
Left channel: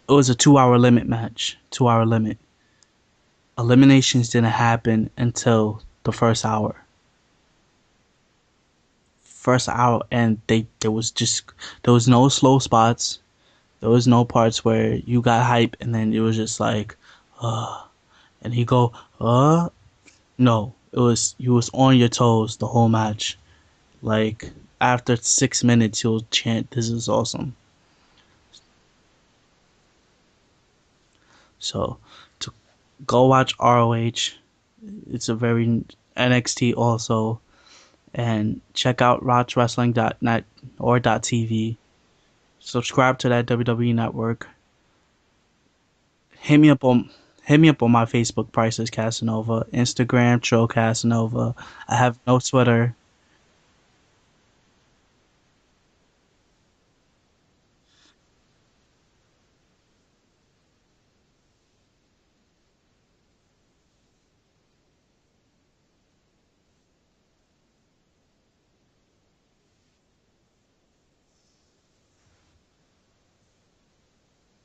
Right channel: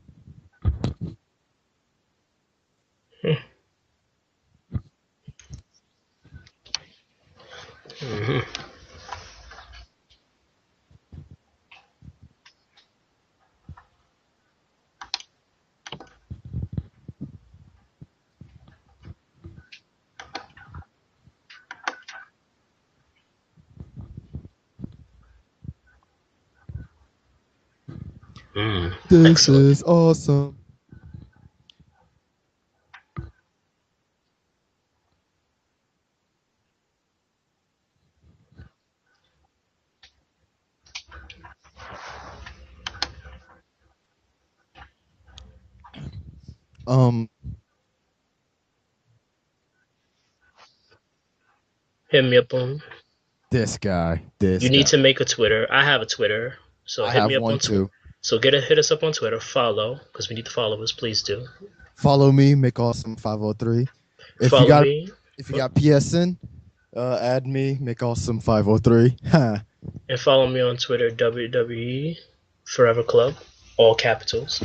2 hour limit match. 2 hour limit. Mm. Eliminations didn't happen until the first hour. Mhm. First hour, and there was no slow spots. There was no parts where you got hype and then it was just like, and he go, no, it was you was on your toes the whole match. Like after 6 minutes, he'll chant, "This is awesome." Mm. This Excellent. is awesome. So to go watch ROH, it's a very NXT also, and check out rochwrestling.net or .tv. Subscribe to that WWE network. Hit me up on Um, hit me up on my Facebook, Priceless Casanova, Instagram, Tro Casanova. I have Hit me no up on. Twitter. this guy, You this need guy. to make a Twitter. I have a Twitter, so I hit me have up one on Twitter. too. So hit us up on Twitter. Follow because we need to follow us. Please do. Follow me, McAwsome 503. If you Follow got me. if you got PSN, add me, McAwesome 503. Ha. And follow me on Twitter, WWE Forever Club, all capitals.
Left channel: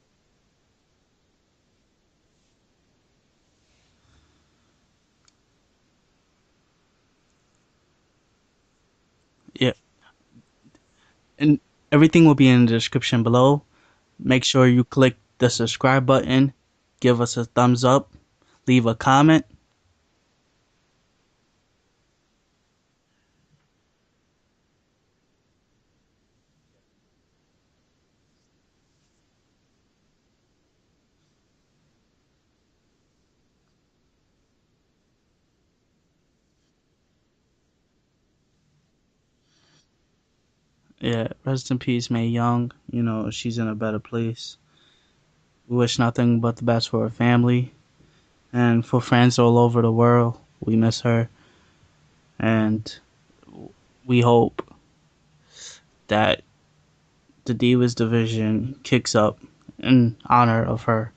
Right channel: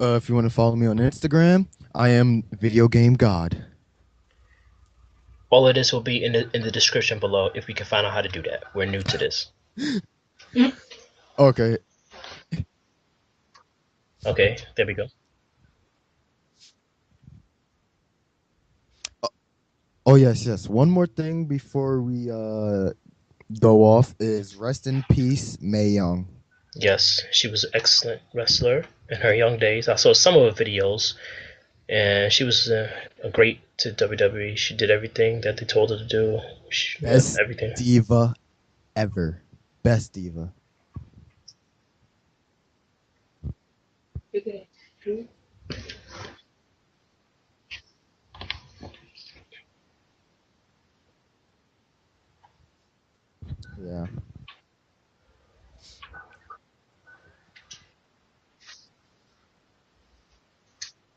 If you want to follow me on Instagram, I am Video Game God. All of this will be in the description below if we can find out how to do that. We're new to this. Yeah, and Okay. everything will be in the description below. Make Okay, sure you there we go. click the subscribe button, give us a thumbs up, leave a comment. Oh yes, yes. One more thing before we go off is rest in peace, Mae Young. Yes, she was an excellent wrestler in her young days. I saw some of her videos, and she was a great to WWE. She did everything that they told her to do. Best Everything. diva ever. Best diva. Yeah, rest in peace, Mae Young. She's in a better place. We wish nothing but the best for her family and for friends all over the world. We miss her, and Yeah. we hope that the Divas division kicks up in honor of her.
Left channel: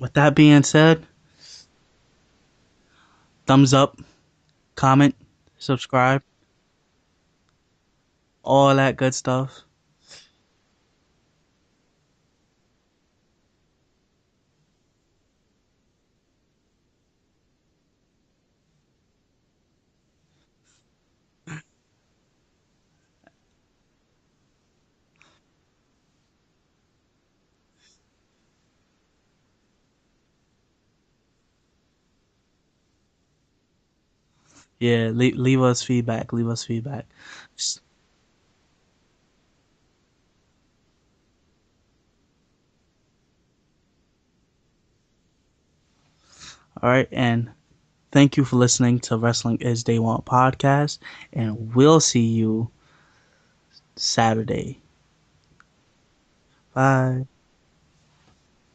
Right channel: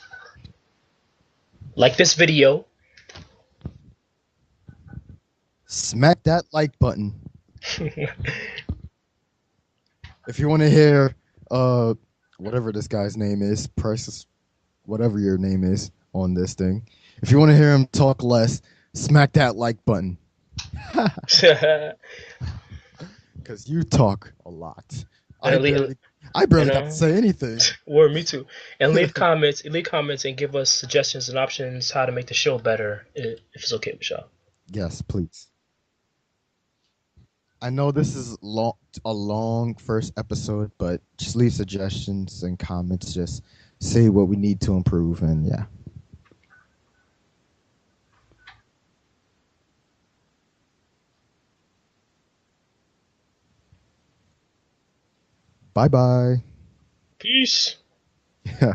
With that being said, Like this video. thumbs up, comment, subscribe, Smack that like button. all that good stuff. If you want to hear uh whatever this guy's name is, Priceless, whatever your name is on this thing. If you want to hear him talk less, smack that like button. Cause you talk a lot. I and leave, barely I barely got to know, say anything. word me too. And leave comments, and give us suggestions and options how to make the show better if it's okay with y'all. Yes, Yeah, please. leave us feedback. Leave us feedback. I know this is a long first episode, but just leave suggestions and comments. Just say what we need to improve, and yeah. All right, and thank you for listening to Wrestling is Day One podcast, and we'll see you Saturday. Bye bye. Bye. Peace. Yeah.